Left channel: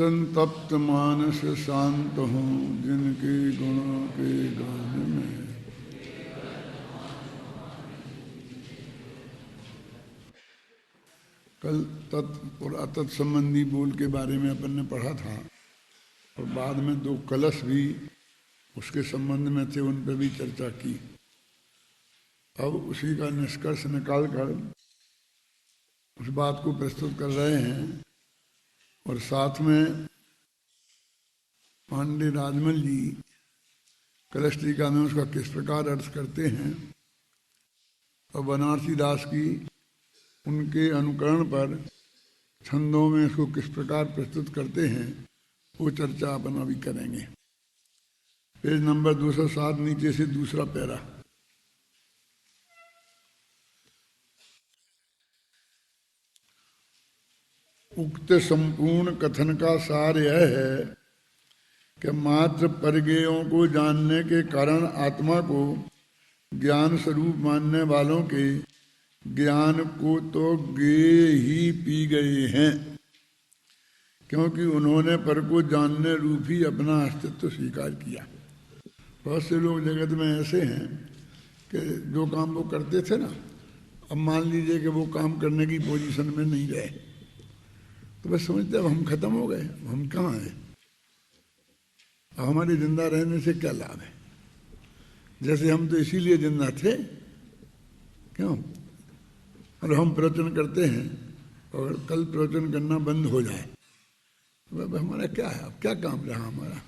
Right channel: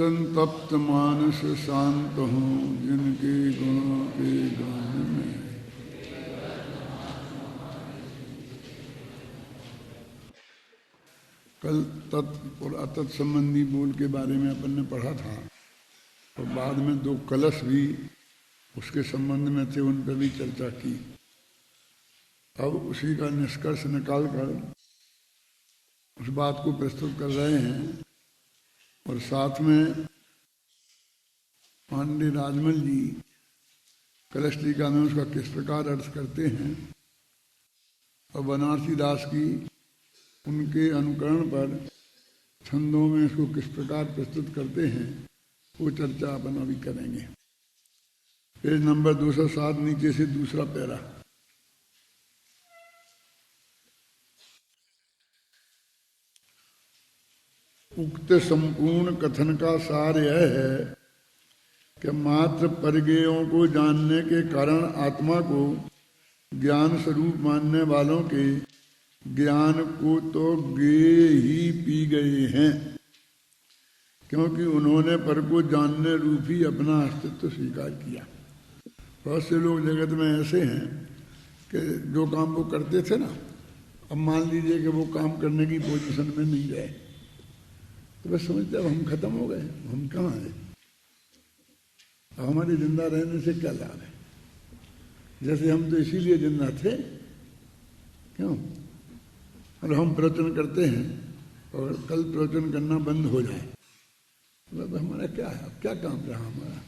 संतप्त मानस शांत हूँ जिनके गुणों के गान में। कल तत् और अतत् संबंधी बोल के बारे में अपन ने पढ़ा था और बाद में दो कलश भी उसके संबंध में थे, उन पर भी चर्चा की। अब उसी का निष्कर्ष निकाल कर उस बात को प्रस्तुत कर रहे हैं और साथ में पांडे राजमल जी कलश टीका में उसका किस प्रकार अर्थ करते हैं और बनारसी दास की उनके अनुकरण पर छंदों में इसको किस प्रकार प्रस्तुत करते हैं, वो चर्चा अपन अभी करेंगे। पेज नंबर 207 नीचे से दूसरा पैरा। उक्त संपूर्ण कथन का सार यह है कि मात्र परगेयों को जानने के कारण आत्मा को ज्ञान स्वरूप मानने वालों के ज्ञान को तो गे ही पी गए हैं, क्योंकि उन्होंने पर को जानने रूप ही अपना अस्तित्व स्वीकार किया। बहुत से लोग जगत में ऐसे हैं कि जो काम वो करते थे ना, अब मान लीजिए कि वो काम करने की पोजीशन में नहीं रहे तो बस समझते अब हम खत्म हो गए, हम कहाँ हैं, अब हमारे जिंदा रहने से क्या लाभ है। जैसे हम तो इसीलिए जिंदा थे, क्यों, और हम प्रवचन करते हैं और कल प्रवचन करना बंद हो जाए तो हमारा क्या है, अब क्या काम रहा हमारा।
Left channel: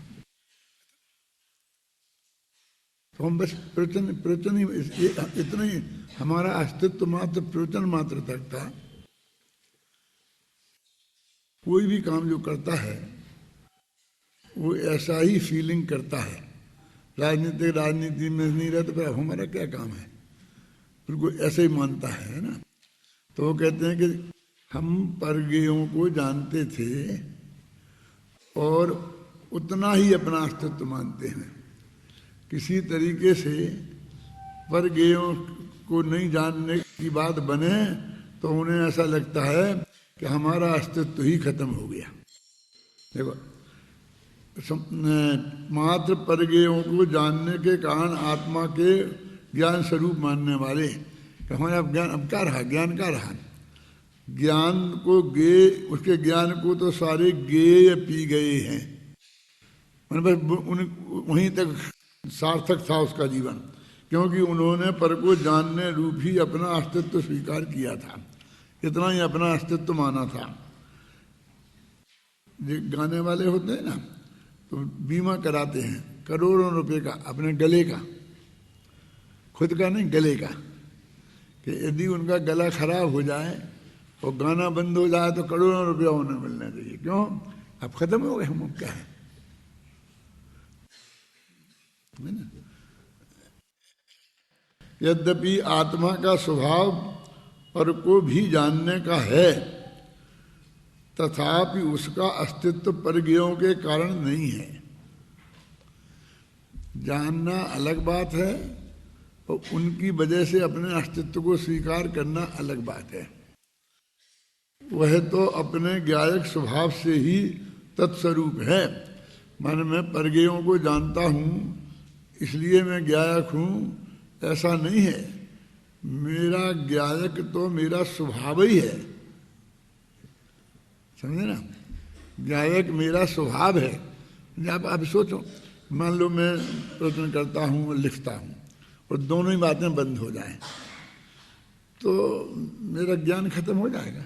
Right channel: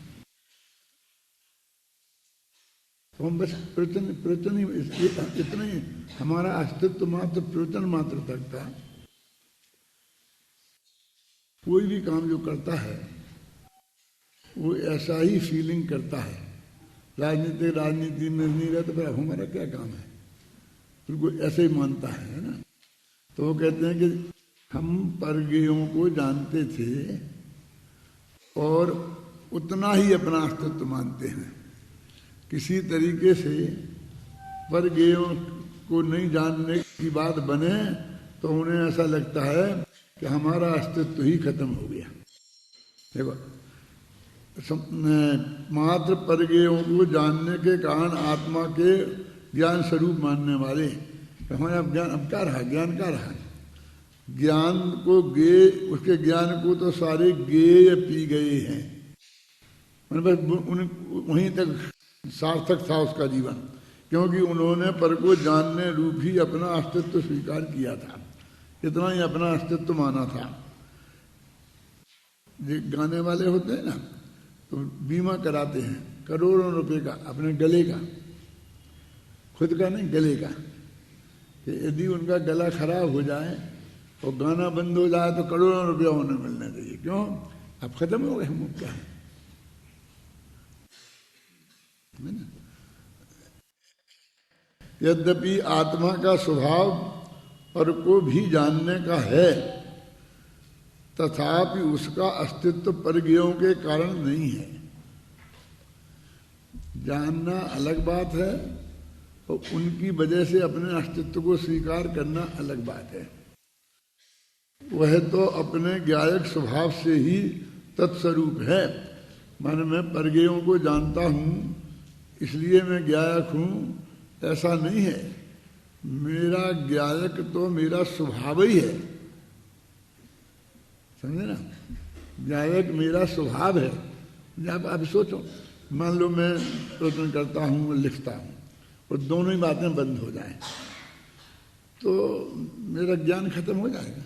तो हम बस प्रवचन ही इतना ही, हमारा अस्तित्व मात्र प्रवचन मात्र तक था। कोई भी काम जो करता है वो ऐसा ही फीलिंग करता है। राजनीति में नहीं रहता फिर हमारा क्या काम है, बिल्कुल ऐसे ही मानता है ना। तो वो कहते हैं कि हम परगेयों को जानते थे और उतना ही अपना अस्तित्व मानते हैं। किसी तरीके से परगेयों को नहीं जानने की बात बने तो उन्हें ऐसा लगता है कि हमारा अस्तित्व ही खत्म हो गया। देखो, मात्र परगेयों को जानने के कारण आत्मा के ज्ञान स्वरूप मानने वाले, हमारा ज्ञान अब क्या रहा, ज्ञान क्या रहा, ज्ञान को गे, उसके ज्ञान को तो सारे गेय पी गए हैं, मतलब वहीं तक सार्थक था उसका जीवन, क्योंकि उन्होंने पर को जानने रूप ही अपना अस्तित्व स्वीकार किया था, इतना ही अपना अस्तित्व माना था। जो गाने वाले होते हैं ना तो बीमा कराते हैं करोड़ों रुपए का अपने गले का, खुद का नहीं गले का, कि यदि उनका गला खराब हो जाए और गाना बंद हो जाए तो करोड़ों रुपया उन्हें मिलना चाहिए। क्यों, अब खत्म हो गए हम, क्या है ना। यद्यपि आत्मा का स्वभाव पर को भी जानने का है, तथापि उसका अस्तित्व परगेयों के कारण नहीं है। जानना अलग बात है और उनकी वजह से अपने अस्तित्व को स्वीकार करना अलग बात है। वह तो अपने ज्ञायक स्वभाव से ही तत्स्वरूप है। मैं परगेयों को जानता हूँ इसलिए मैं ज्ञायक हूँ, ऐसा नहीं है। मेरा ज्ञायक तो मेरा स्वभाव ही है, समझे ना। ज्ञायक मेरा स्वभाव है। जब आप सोचो, मान लो मैं प्रवचन करता हूँ, लिखता हूँ और दोनों ही बातें बंद हो जाएं तो मेरा ज्ञान खत्म हो जाएगा।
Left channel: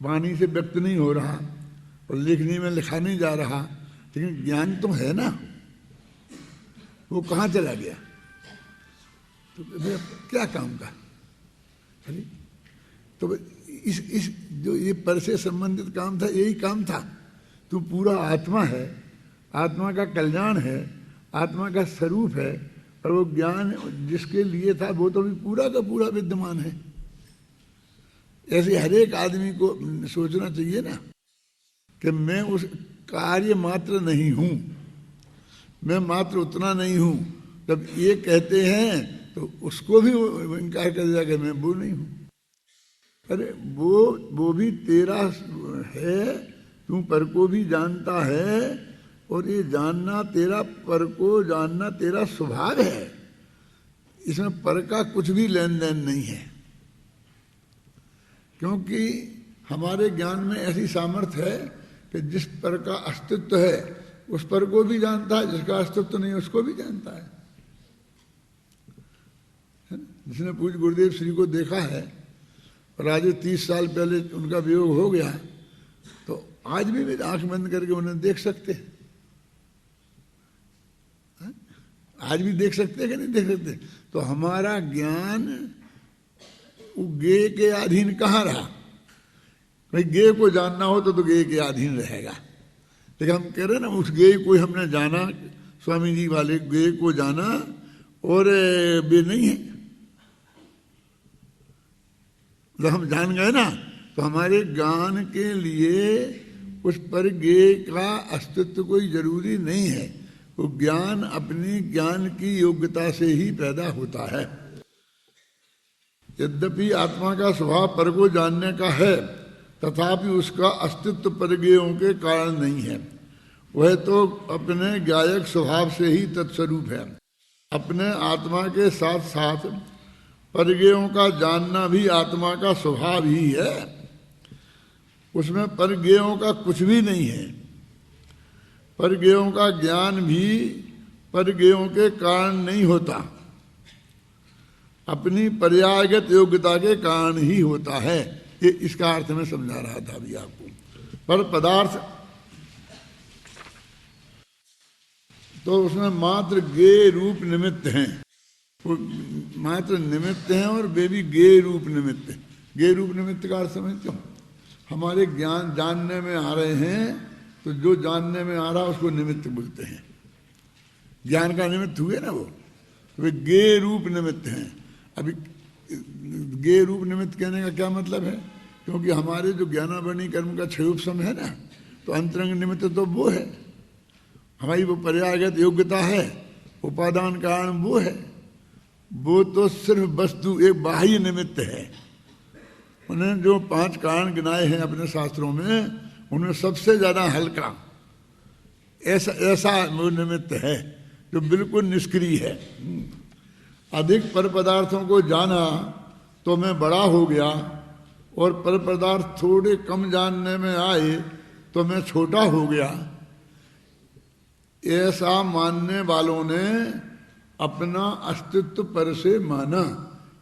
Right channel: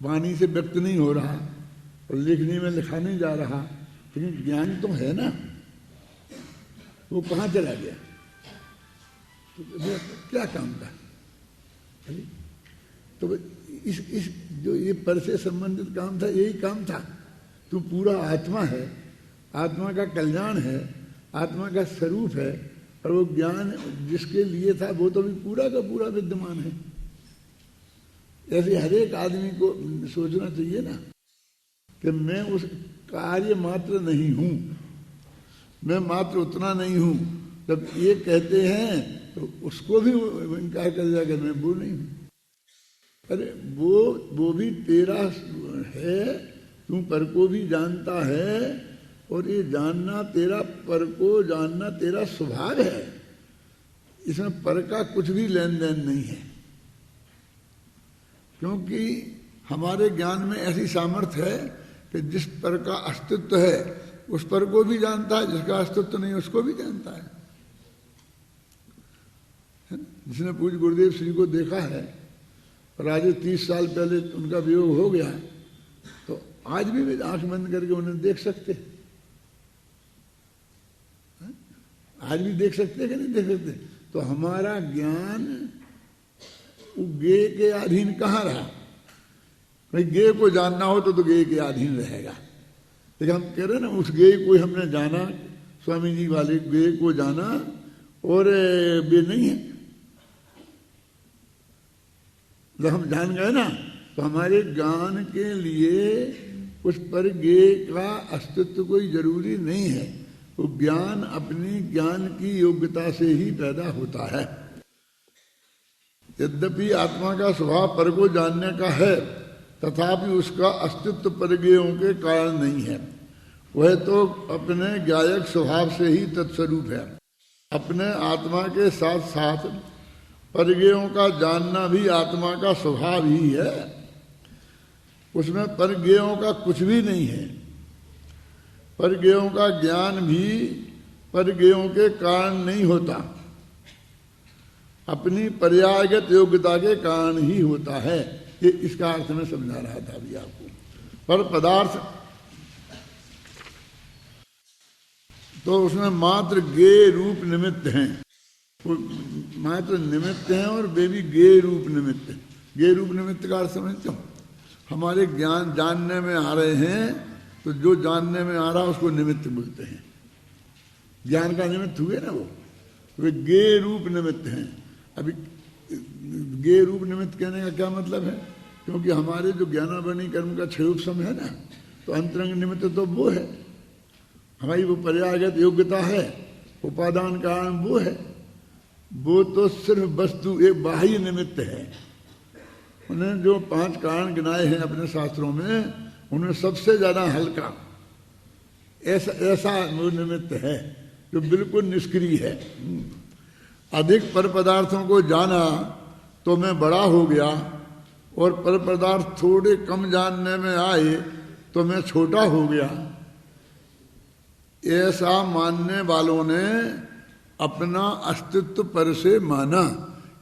वाणी से व्यक्त नहीं हो रहा और लिखने में लिखा नहीं जा रहा, लेकिन ज्ञान तो है ना, वो कहाँ चला गया, तो क्या काम का। तो इस जो ये पर से संबंधित काम था, यही काम था। तू पूरा आत्मा है, आत्मा का कल्याण है, आत्मा का स्वरूप है, और वो ज्ञान जिसके लिए था वो तो भी पूरा का पूरा विद्यमान है। ऐसे हर एक आदमी को सोचना चाहिए ना कि मैं उस कार्य मात्र नहीं हूँ, मैं मात्र उतना नहीं हूँ। जब ये कहते हैं तो उसको भी इनकार कर दिया कि मैं वो नहीं हूँ। अरे वो भी तेरा है, तू पर को भी जानता है, और ये जानना तेरा, पर को जानना तेरा स्वभाव है। इसमें पर का कुछ भी लेन देन नहीं है, क्योंकि हमारे ज्ञान में ऐसी सामर्थ्य है कि जिस पर का अस्तित्व है उस पर को भी जानता है, जिसका अस्तित्व नहीं उसको भी जानता है। जिसने पूज्य गुरुदेव श्री को देखा है, और आज 30 साल पहले उनका वियोग हो गया है, तो आज भी वे आंख बंद करके उन्हें देख सकते हैं। आज भी देख सकते हैं कि नहीं देख सकते? तो हमारा ज्ञान गे के अधीन कहाँ रहा? भाई गे को जानना हो तो गे के अधीन रहेगा। लेकिन हम कह रहे ना, उस गे को हमने जाना, स्वामी जी वाले गे को जाना, और वे नहीं है, जब हम जान गए ना, तो हमारे ज्ञान के लिए उस पर गे का अस्तित्व कोई जरूरी नहीं है। वो ज्ञान अपनी ज्ञान की योग्यता से ही पैदा होता है। यद्यपि आत्मा का स्वभाव पर को जानने का है, तथापि उसका अस्तित्व परगेयों के कारण नहीं है। वह तो अपने ज्ञायक स्वभाव से ही तत्स्वरूप है। अपने आत्मा के साथ साथ परगेयों का जानना भी आत्मा का स्वभाव ही है। उसमें परगेयों का कुछ भी नहीं है। परगेयों का ज्ञान भी परगेयों के कारण नहीं होता, अपनी पर्यायगत योग्यता के कारण ही होता है। ये इसका अर्थ मैं समझा रहा था अभी आपको। पर पदार्थ तो उसमें मात्र गे रूप निमित्त हैं, वो मात्र निमित्त हैं, और वे भी गे रूप निमित्त हैं। गे रूप निमित्त का अर्थ समझते हो? हमारे ज्ञान जानने में आ रहे हैं, तो जो जानने में आ रहा उसको निमित्त बोलते हैं। ज्ञान का निमित्त हुए ना वो, वे गे रूप निमित्त हैं। अभी गे रूप निमित्त कहने का क्या मतलब है? क्योंकि हमारे जो ज्ञानावरणी कर्म का क्षयोपशम है ना, तो अंतरंग निमित्त तो वो है, हमारी वो पर्यायगत योग्यता है, उपादान कारण वो है। वो तो सिर्फ वस्तु एक बाह्य निमित्त है। उन्होंने जो 5 कारण गिनाए हैं अपने शास्त्रों में, उनमें सबसे ज्यादा हल्का ऐसा वो निमित्त है जो बिल्कुल निष्क्रिय है। अधिक पर पदार्थों को जाना तो मैं बड़ा हो गया, और पर पदार्थ थोड़े कम जानने में आए तो मैं छोटा हो गया। ऐसा मानने वालों ने अपना अस्तित्व पर से माना,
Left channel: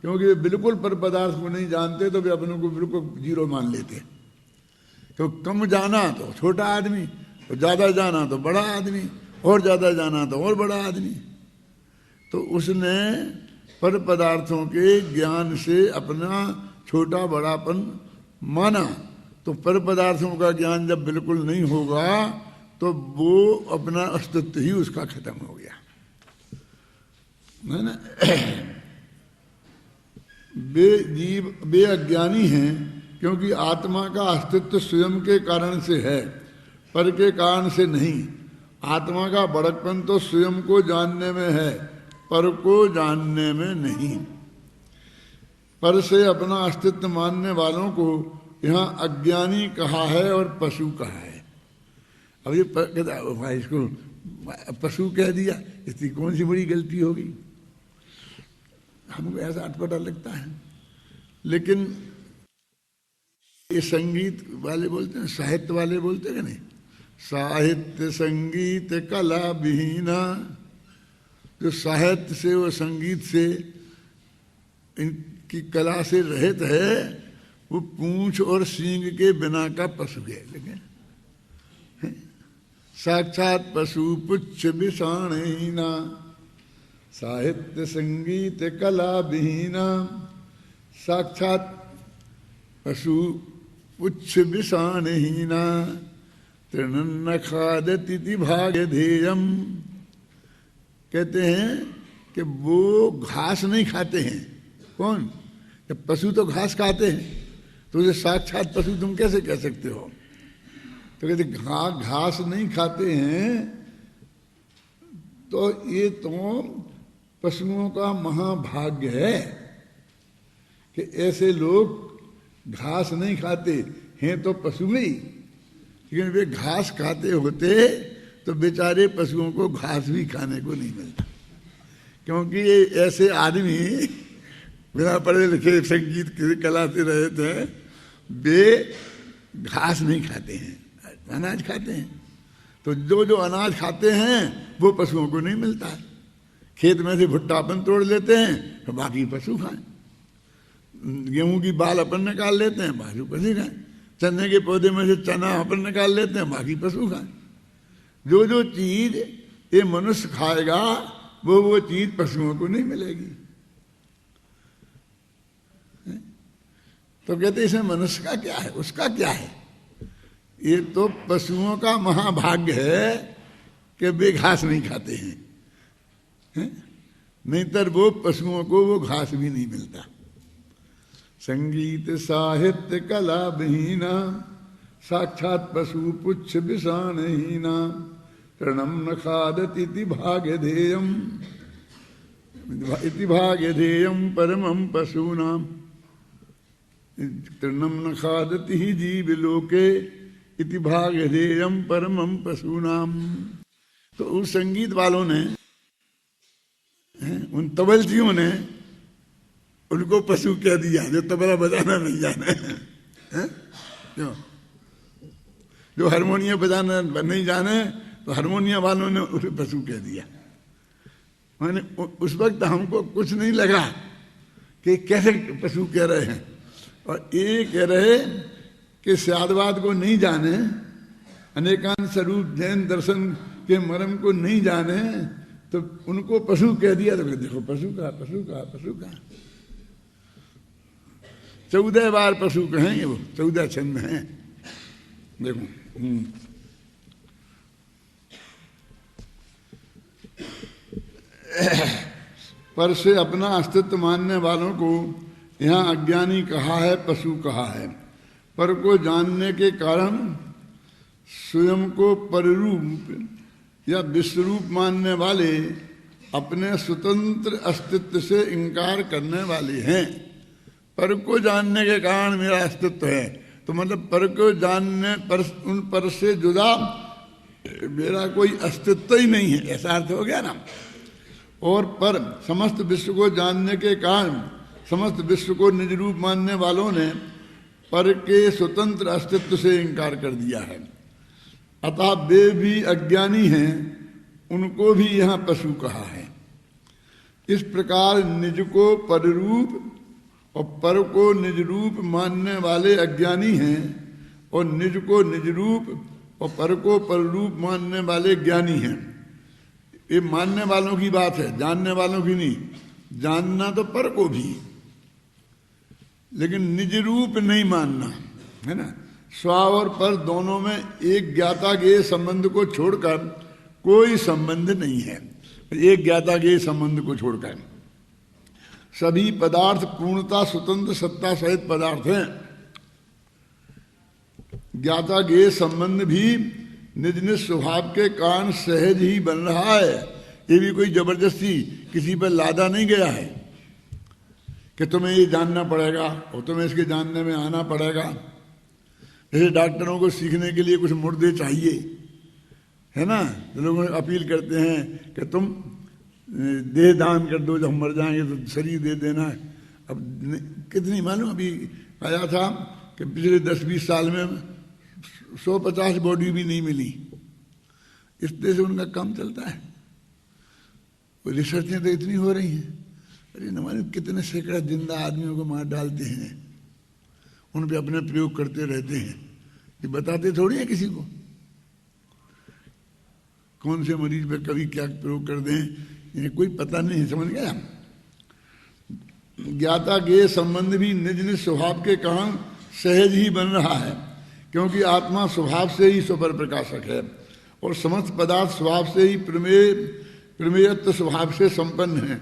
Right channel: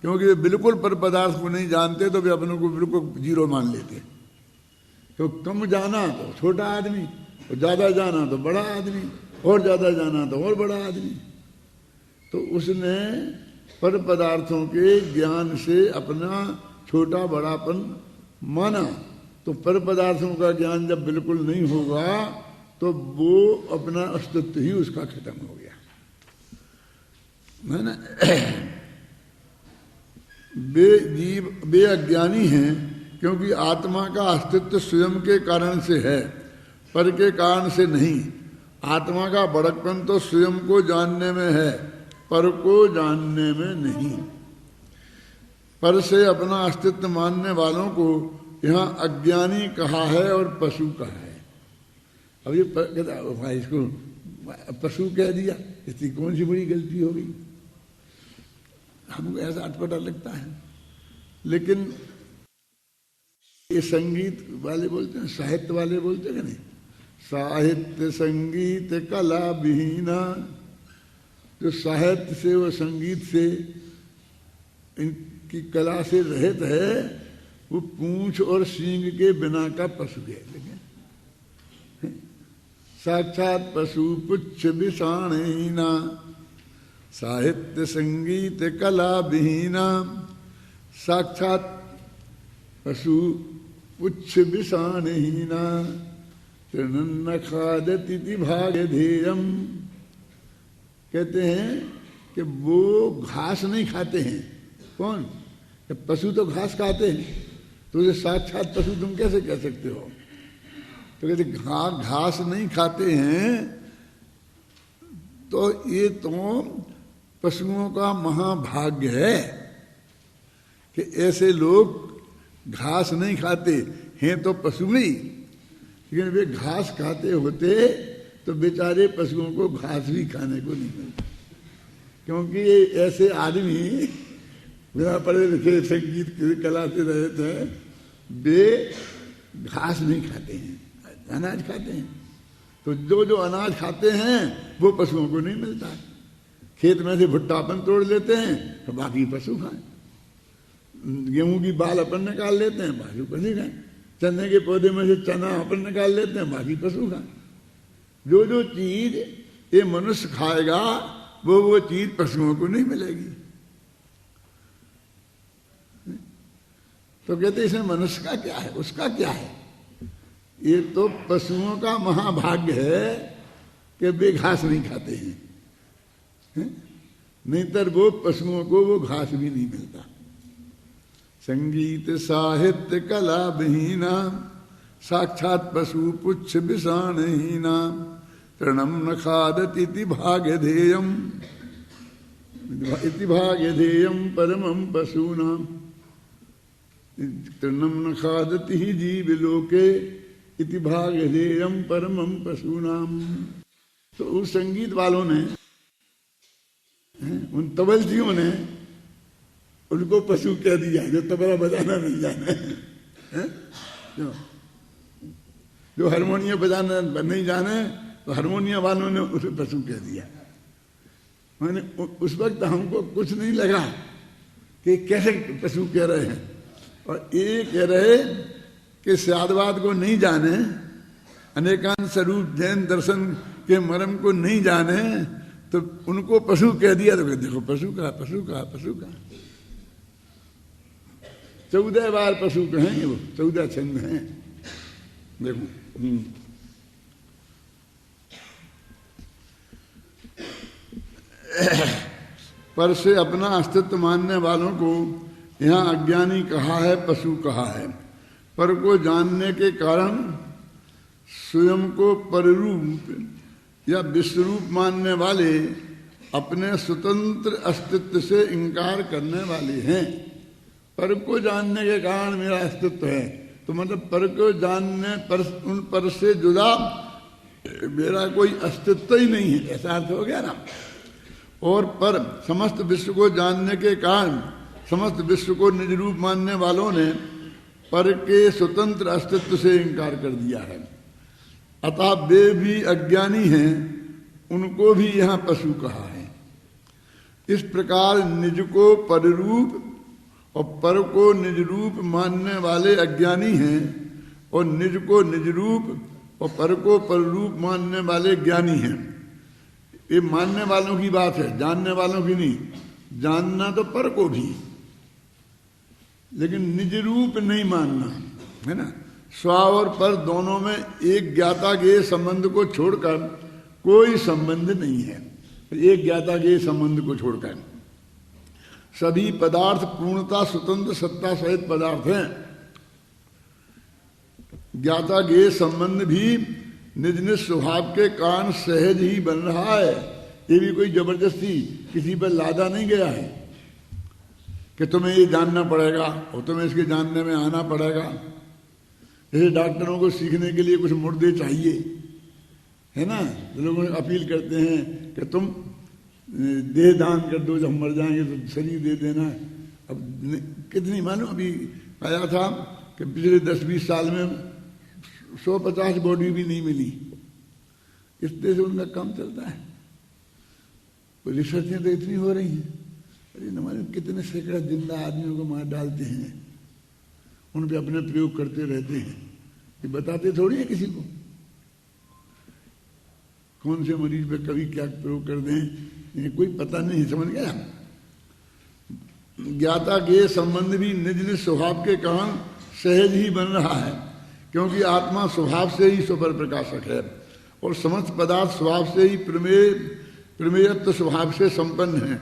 क्योंकि वे बिल्कुल पर पदार्थ को नहीं जानते, तो वे अपनों को बिल्कुल जीरो मान लेते हैं। तो कम जाना तो छोटा आदमी, तो ज्यादा जाना तो बड़ा आदमी, और ज्यादा जाना तो और बड़ा आदमी। तो उसने पर पदार्थों के ज्ञान से अपना छोटा बड़ापन माना। तो पर पदार्थों का ज्ञान जब बिल्कुल नहीं होगा, तो वो अपना अस्तित्व ही उसका खत्म हो गया, है ना। वे जीव वे अज्ञानी हैं, क्योंकि आत्मा का अस्तित्व स्वयं के कारण से है, पर के कारण से नहीं। आत्मा का बड़कपन तो स्वयं को जानने में है, पर को जानने में नहीं। पर से अपना अस्तित्व मानने वालों को यहाँ अज्ञानी कहा है और पशु कहा है। अब ये भाई इसको पशु कह दिया, इसकी कौन सी बड़ी गलती हो गई? हमको ऐसा अटपटा लगता है। लेकिन ये संगीत वाले बोलते हैं, साहित्य वाले बोलते हैं कि नहीं, साहित्य संगीत कला विहीना। जो साहित्य से और संगीत से इनकी कला से रहित है, वो पूंछ और सींग के बिना का पशु है। लेकिन साक्षात पशु पुच्छ विषाणहीना, साहित्य संगीत कला विहीना। साक्षात पशु पुच्छ विषाणहीना, तृणन्न खादति भाग्यधेयम। कहते हैं कि वो घास नहीं खाते हैं। कौन? कि पशु तो घास खाते हैं, तो उसे साक्षात पशु तुम कैसे कह सकते हो? तो कहते घास नहीं खाते हैं, तो ये तो पशुओं का महाभाग्य है कि ऐसे लोग घास नहीं खाते हैं तो पशु नहीं, लेकिन वे घास खाते होते तो बेचारे पशुओं को घास भी खाने को नहीं मिलता, क्योंकि ये ऐसे आदमी बिना पढ़े लिखे संगीत कला से रहे थे, वे घास नहीं खाते हैं, अनाज खाते हैं। तो जो जो अनाज खाते हैं वो पशुओं को नहीं मिलता है। खेत में से भुट्टा अपन तोड़ लेते हैं तो बाकी पशु खाएं, गेहूं की बाल अपन निकाल लेते हैं, बाकी पशु खाएं, चने के पौधे में से चना अपन निकाल लेते हैं, बाकी पशु खाएं। जो जो चीज ये मनुष्य खाएगा वो चीज पशुओं को नहीं मिलेगी। तो कहते इसमें मनुष्य का क्या है, उसका क्या है? ये तो पशुओं का महाभाग्य है कि वे घास नहीं खाते हैं, नहीं तर वो पशुओं को वो घास भी नहीं मिलता। संगीत साहित्य कला विहीना साक्षात पशु पुच्छ विषाणहीना तृणम न खादति इति भाग्यधेयम परमं पशूनाम तृणम न खादति ही जीव लोके इति भाग्यधेयम परमं पशूनाम। तो उस संगीत वालों ने, उन तबलजियों ने उनको पशु कह दिया जो तबला बजाना नहीं जाने, जो हारमोनियम बजाना नहीं जाने तो हारमोनियम वालों ने उसे पशु कह दिया। मैंने उस वक्त हमको कुछ नहीं लगा कि कैसे पशु कह रहे हैं, और ये कह रहे कि स्यादवाद को नहीं जाने, अनेकांत स्वरूप जैन दर्शन के मर्म को नहीं जाने, तो उनको पशु कह दिया। तो देखो पशु का 14 बार पशु कहेंगे, वो 14 छंद में है। देखो पर से अपना अस्तित्व मानने वालों को यहाँ अज्ञानी कहा है, पशु कहा है। पर को जानने के कारण स्वयं को पररूप या विश्वरूप मानने वाले अपने स्वतंत्र अस्तित्व से इनकार करने वाले हैं। पर को जानने के कारण मेरा अस्तित्व है, तो मतलब पर को जानने पर, उन पर से जुदा मेरा कोई अस्तित्व ही नहीं है, ऐसा अर्थ हो गया ना। और पर समस्त विश्व को जानने के कारण समस्त विश्व को निज रूप मानने वालों ने पर के स्वतंत्र अस्तित्व से इनकार कर दिया है। अतः वे भी अज्ञानी हैं, उनको भी यहाँ पशु कहा है। इस प्रकार निज को पररूप और पर को निज रूप मानने वाले अज्ञानी हैं, और निज को निज रूप और पर को पररूप मानने वाले ज्ञानी हैं। ये मानने वालों की बात है, जानने वालों की नहीं। जानना तो पर को भी, लेकिन निज रूप नहीं मानना, है ना। स्व और पर दोनों में एक ज्ञाता के संबंध को छोड़कर कोई संबंध नहीं है। एक ज्ञाता के संबंध को छोड़कर सभी पदार्थ पूर्णता स्वतंत्र सत्ता सहित पदार्थ हैं। ज्ञाता के संबंध भी निज निज स्वभाव के कारण सहज ही बन रहा है। ये भी कोई जबरदस्ती किसी पर लादा नहीं गया है कि तुम्हें ये जानना पड़ेगा और तुम्हें इसके जानने में आना पड़ेगा। जैसे डॉक्टरों को सीखने के लिए कुछ मुर्दे चाहिए, है ना, तो लोग अपील करते हैं कि तुम देह दान कर दो, जब हम मर जाएंगे तो शरीर दे देना। अब कितनी मालूम अभी आया था कि पिछले 10-20 साल में 150 बॉडी भी नहीं मिली। इस तरह से उनका काम चलता है। रिसर्चें तो इतनी हो रही हैं, अरे न मालूम कितने सैकड़ों जिंदा आदमियों को मार डालते हैं, उन पे अपने प्रयोग करते रहते हैं। ये बताते थोड़ी है किसी को कौन से मरीज पे कभी क्या प्रयोग कर दें, ये कोई पता नहीं। समझ गया। ज्ञाता के संबंध भी निज निज स्वभाव के कारण सहज ही बन रहा है, क्योंकि आत्मा स्वभाव से ही स्वपर प्रकाशक है और समस्त पदार्थ स्वभाव से ही प्रमेयत्व स्वभाव से संपन्न है।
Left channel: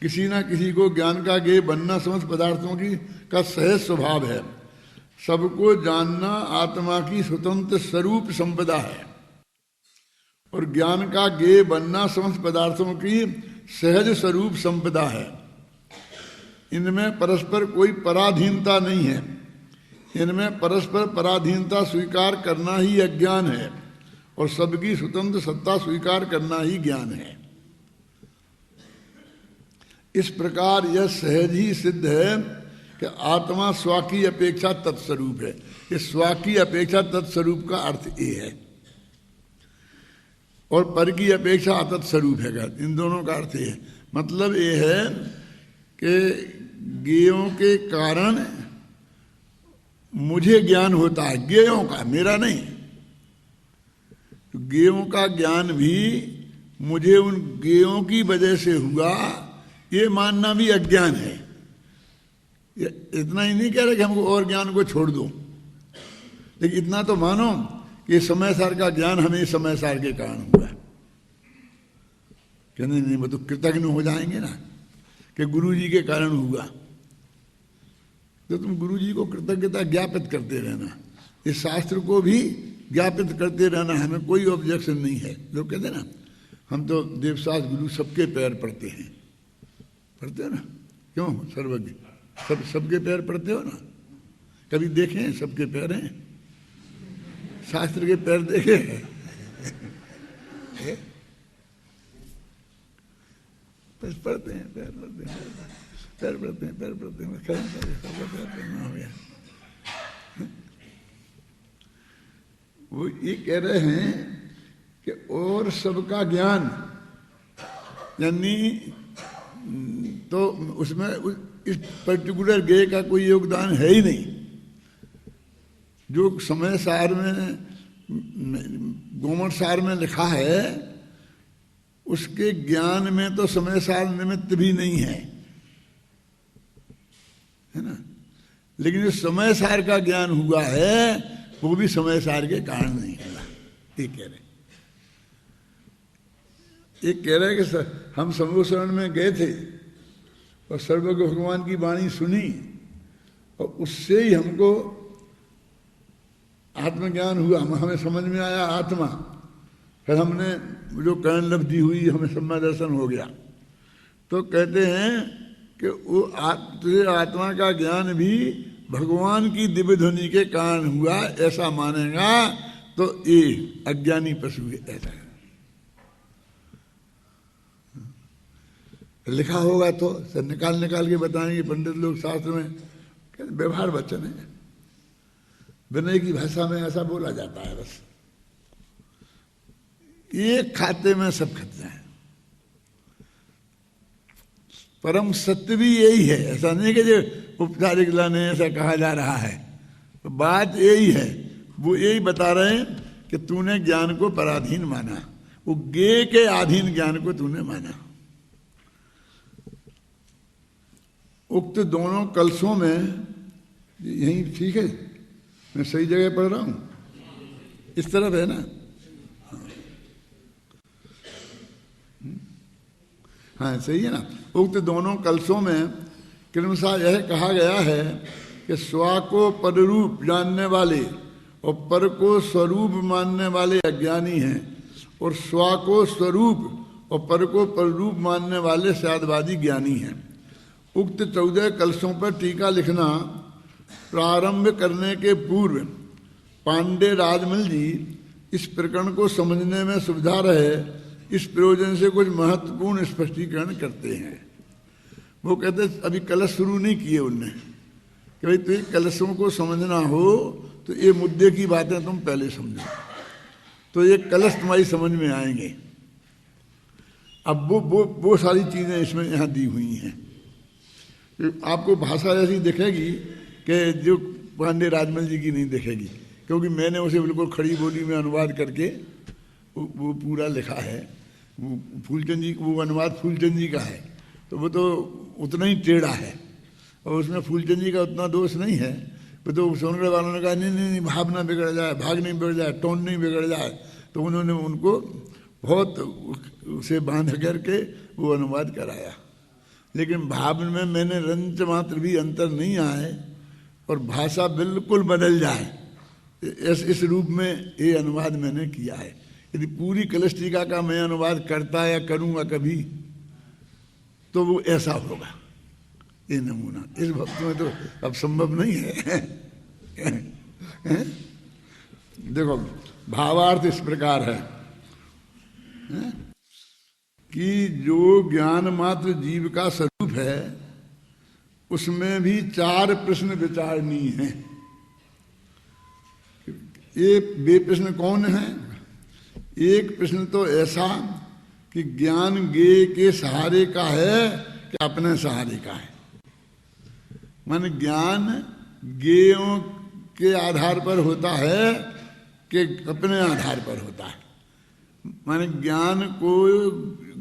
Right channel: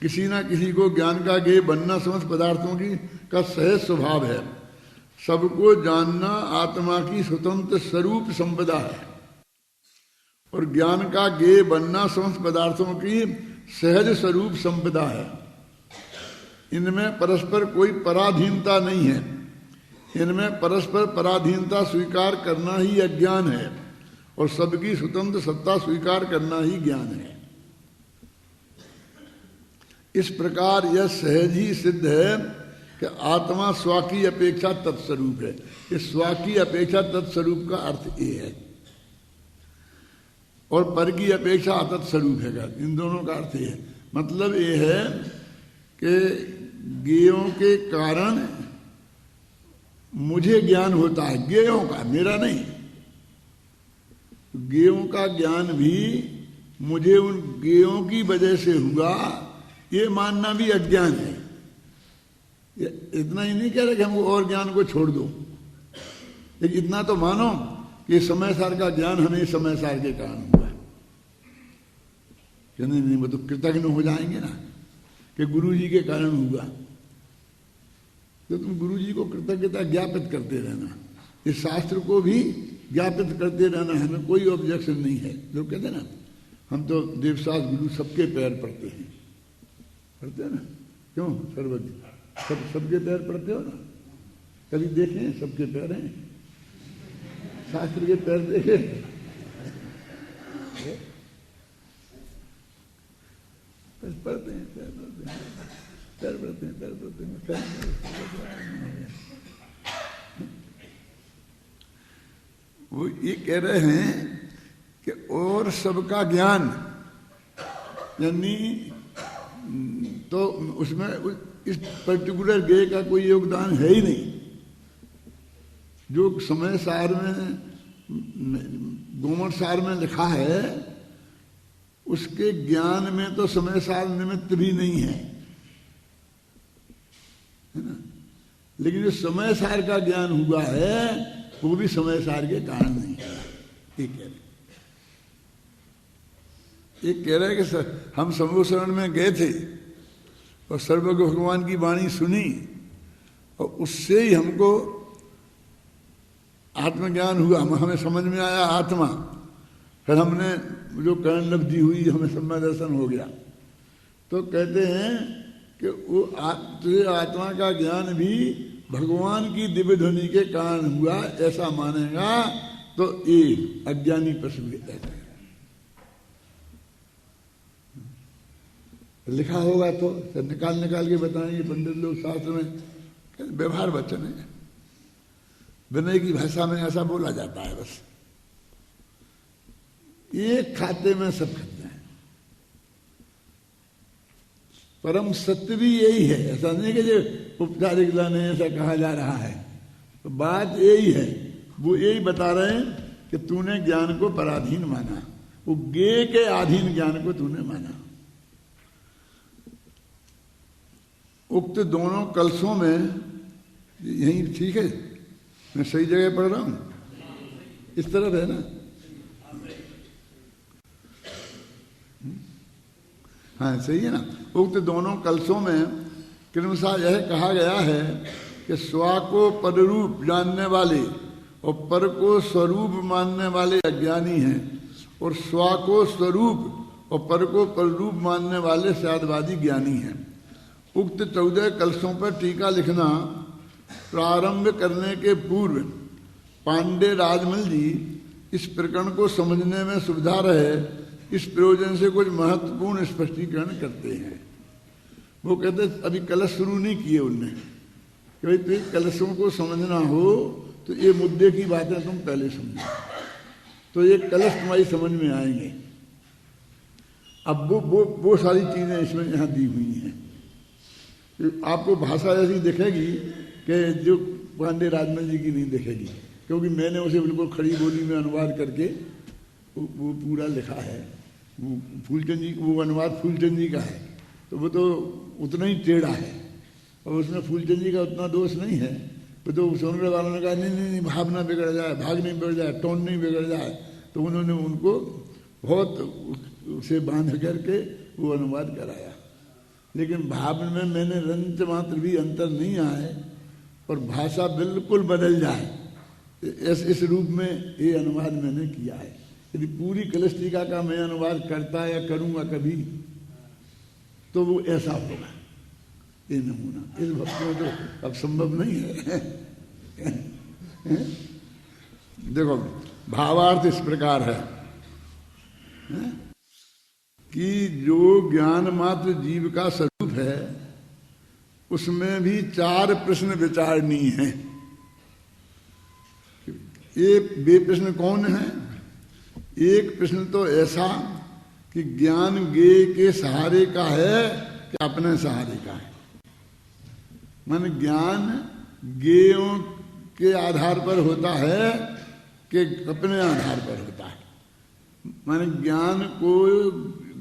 किसी ना किसी को ज्ञान का ज्ञेय बनना समस्त पदार्थों की का सहज स्वभाव है। सबको जानना आत्मा की स्वतंत्र स्वरूप संपदा है और ज्ञान का ज्ञेय बनना समस्त पदार्थों की सहज स्वरूप संपदा है। इनमें परस्पर कोई पराधीनता नहीं है। इनमें परस्पर पराधीनता स्वीकार करना ही अज्ञान है और सबकी स्वतंत्र सत्ता स्वीकार करना ही ज्ञान है। इस प्रकार यह सहज ही सिद्ध है कि आत्मा स्व की अपेक्षा तत्स्वरूप है। इस स्व की अपेक्षा तत्स्वरूप का अर्थ ये है और पर की अपेक्षा अतत्स्वरूप है। इन दोनों का अर्थ ये है, मतलब ये है कि ज्ञेयों के कारण मुझे ज्ञान होता है, ज्ञेयों का, मेरा नहीं। तो ज्ञेयों का ज्ञान भी मुझे उन ज्ञेयों की वजह से हुआ, ये मानना भी अज्ञान है। इतना ही नहीं कह रहे कि हमको और ज्ञान को छोड़ दो, लेकिन इतना तो मानो कि समय सार का ज्ञान हमें समय सार के कारण हुआ है। कि नहीं, वो तो कृतज्ञ हो जाएंगे ना कि गुरु जी के कारण हुआ। तो तुम गुरु जी को कृतज्ञता ज्ञापित करते रहना, इस शास्त्र को भी ज्ञापित करते रहना, हमें कोई ऑब्जेक्शन नहीं है। लोग कहते हैं ना, हम तो देवशास्त्र गुरु सबके पैर पड़ते हैं, पढ़ते हो ना, क्यों? सर्वज्ञ सबके पैर पड़ते हो ना? कभी देखे सबके पैर हैं? शास्त्र के पैर देखे? पढ़ते हैं, पैर पड़ते हैं, पैर पड़ते हैं, पैर पड़ते हैं। वो ये कह रहे हैं कि और सबका ज्ञान, यानी तो उसमें इस पर्टिकुलर ज्ञेय का कोई योगदान है ही नहीं। जो समय सार में, गोमठ सार में लिखा है, उसके ज्ञान में तो समय सार निमित्त भी नहीं है ना। लेकिन जो समय सार का ज्ञान हुआ है वो भी समय सार के कारण नहीं हुआ। ये कह रहे, ये कह रहे कि हम समूह शरण में गए थे और सर्वज्ञ भगवान की वाणी सुनी और उससे ही हमको आत्मज्ञान हुआ, हमें समझ में आया आत्मा। फिर हमने जो कर्ण लब्धि हुई, हमें सम्यक दर्शन हो गया। तो कहते हैं कि वो तुझे आत्मा का ज्ञान भी भगवान की दिव्य ध्वनि के कारण हुआ, ऐसा मानेगा तो ये अज्ञानी पशु है। ऐसा लिखा होगा तो सब निकाल के बताएंगे पंडित लोग शास्त्र में, व्यवहार वचन है, विनय की भाषा में ऐसा बोला जाता है। बस एक खाते में सब खाते हैं। परम सत्य भी यही है, ऐसा नहीं कि जो उपचारिक लाने ऐसा कहा जा रहा है। तो बात यही है, वो यही बता रहे हैं कि तूने ज्ञान को पराधीन माना, वो ज्ञेय के अधीन ज्ञान को तूने माना। उक्त दोनों कलशों में, यही ठीक है, मैं सही जगह पढ़ रहा हूं, इस तरफ है ना? हाँ सही है ना। उक्त दोनों कलशों में क्रमशः यह कहा गया है कि स्व को पररूप जानने वाले और पर को स्वरूप मानने वाले अज्ञानी हैं, और स्व को स्वरूप और पर को पररूप मानने वाले शायदवादी ज्ञानी हैं। उक्त 14 कलशों पर टीका लिखना प्रारंभ करने के पूर्व पांडे राजमल जी इस प्रकरण को समझने में सुविधा रहे, इस प्रयोजन से कुछ महत्वपूर्ण स्पष्टीकरण करते हैं। वो कहते अभी कलश शुरू नहीं किए उनने कि भाई तुझे कलशों को समझना हो तो ये मुद्दे की बातें तुम पहले समझो, तो ये कलश तुम्हारी समझ में आएंगे। अब वो सारी चीजें इसमें यहाँ दी हुई हैं। आपको भाषा ऐसी दिखेगी कि जो पांडे राजमल जी की नहीं दिखेगी, क्योंकि मैंने उसे बिल्कुल खड़ी बोली में अनुवाद करके वो पूरा लिखा है। फूलचंद जी, वो अनुवाद फूलचंद जी का है, तो वो तो उतना ही टेढ़ा है और उसमें फूलचंद जी का उतना दोष नहीं है। तो सुनने वालों ने कहा नहीं भाव ना बिगड़ जाए, भाग नहीं बिगड़ जाए, टोन नहीं बिगड़ जाए, तो उन्होंने उनको बहुत उसे बांध करके वो अनुवाद कराया। लेकिन भाव में मैंने रंच मात्र भी अंतर नहीं आए और भाषा बिल्कुल बदल जाए, इस रूप में ये अनुवाद मैंने किया है। यदि पूरी कलश टीका का मैं अनुवाद करता या करूंगा कभी, तो वो ऐसा होगा। ये नमूना इस भक्त में तो अब संभव नहीं है। देखो भावार्थ इस प्रकार है कि जो ज्ञान मात्र जीव का स्वरूप है उसमें भी 4 प्रश्न विचारणीय हैं। ये वे प्रश्न कौन है? एक प्रश्न तो ऐसा कि ज्ञान ज्ञेय के सहारे का है कि अपने सहारे का है। माने ज्ञान ज्ञेयों के आधार पर होता है कि अपने आधार पर होता है। माने ज्ञान को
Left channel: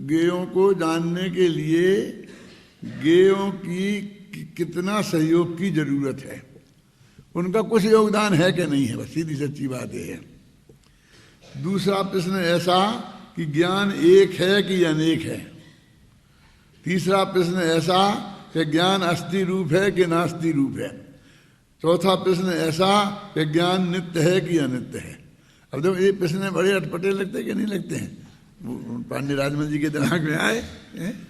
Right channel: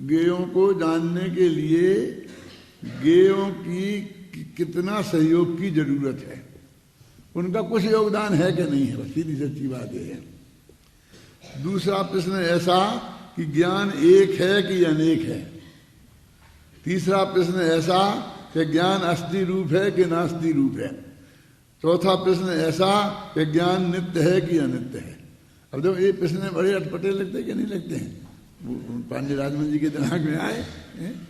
ज्ञेयों को जानने के लिए ज्ञेयों की कितना सहयोग की जरूरत है, उनका कुछ योगदान है कि नहीं है, बस सीधी सच्ची बात यह है। दूसरा प्रश्न ऐसा कि ज्ञान एक है कि अनेक है। तीसरा प्रश्न ऐसा कि ज्ञान अस्थि रूप है कि नास्ति रूप है। चौथा प्रश्न ऐसा कि ज्ञान नित्य है कि अनित्य है। अब देखो ये प्रश्न बड़े अटपटे लगते हैं कि नहीं लगते हैं? पांडे राजमल जी के दिमाग में आए हैं?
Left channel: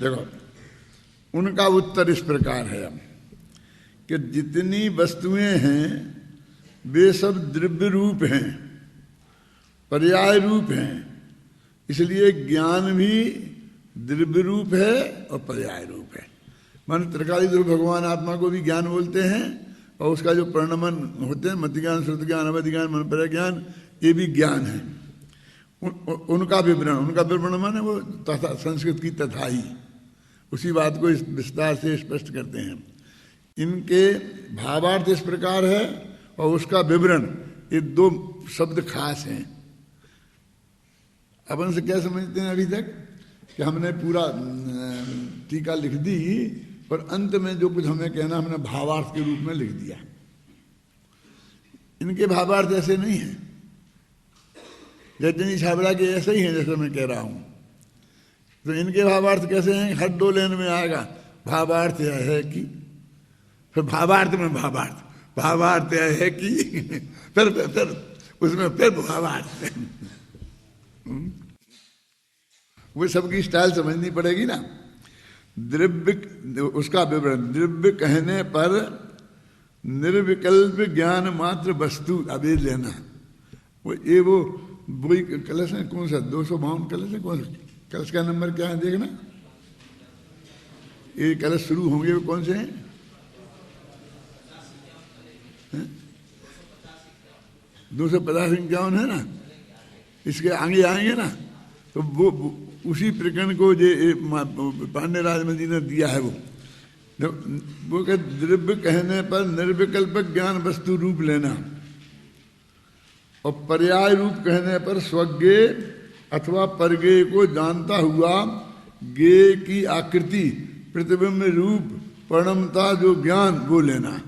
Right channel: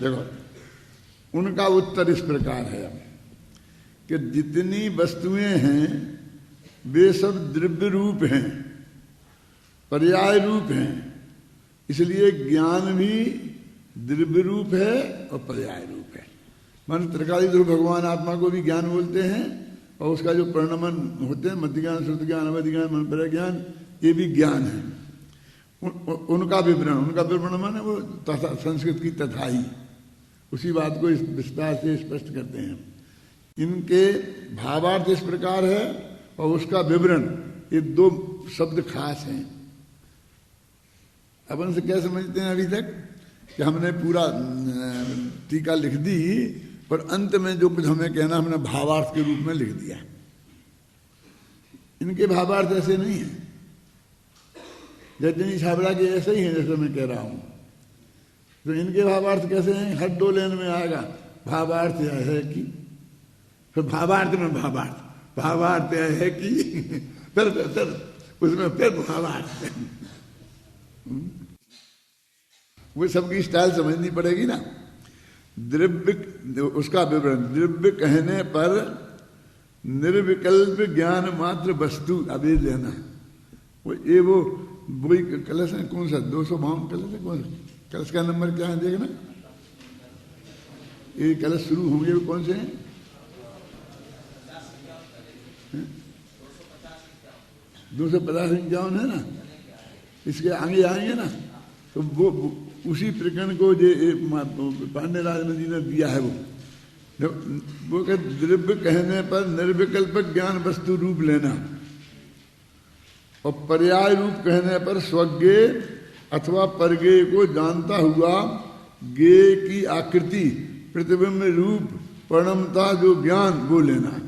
देखो उनका उत्तर इस प्रकार है कि जितनी वस्तुएं हैं वे सब द्रव्य रूप हैं, पर्याय रूप हैं, इसलिए ज्ञान भी द्रव्य रूप है और पर्याय रूप है। मन त्रिकालीदेव भगवान आत्मा को भी ज्ञान बोलते हैं और उसका जो परिणमन होते हैं मध्य ज्ञान, श्रुत ज्ञान, अवधि ज्ञान, मन पर्याय ज्ञान, ये भी ज्ञान है। उनका विवरण माने वो तथा संस्कृत की तथाई उसी बात को इस विस्तार से स्पष्ट करते हैं। इनके भावार्थ इस प्रकार है और उसका विवरण, ये 2 शब्द खास हैं। अपन से क्या समझते हैं अभी तक कि हमने पूरा टीका लिख दी पर अंत में जो कुछ हमें कहना हमने भावार्थ के रूप में लिख दिया। इनके भावार्थ ऐसे नहीं है। जैतनी छाबड़ा के ऐसे ही हैं जैसे मैं कह रहा हूं। तो इनके भावार्थ कैसे हैं? हर 2 लाइन में आएगा भावार्थ यह है कि, फिर भावार्थ में भावार्थ यह है कि, फिर उसमें फिर भावार्थ। वो सबकी स्टाइल समझनी पड़ेगी ना। द्रव्य, उसका विवरण, द्रव्य कहने पर निर्विकल्प ज्ञान मात्र वस्तु। अब ये लेना वो वही कलश है। कौन सा 252 कलश है? कौन सा कलश का नंबर क्या है देखना। ये कलश शुरू होंगे वो कौन से हैं? 250 है ना। इसके आगे आएंगे ना तो वो उसी प्रकरण को जो पांडे राजमल जी ने दिया है वो द्रव्य कहने पर निर्विकल्प ज्ञान वस्तु रूप लेना और पर्याय रूप कहने पर स्वज्ञेय अथवा परज्ञेय को जानता हुआ ज्ञेय की आकृति प्रतिबिंब रूप परिणमता जो ज्ञान वो लेना है।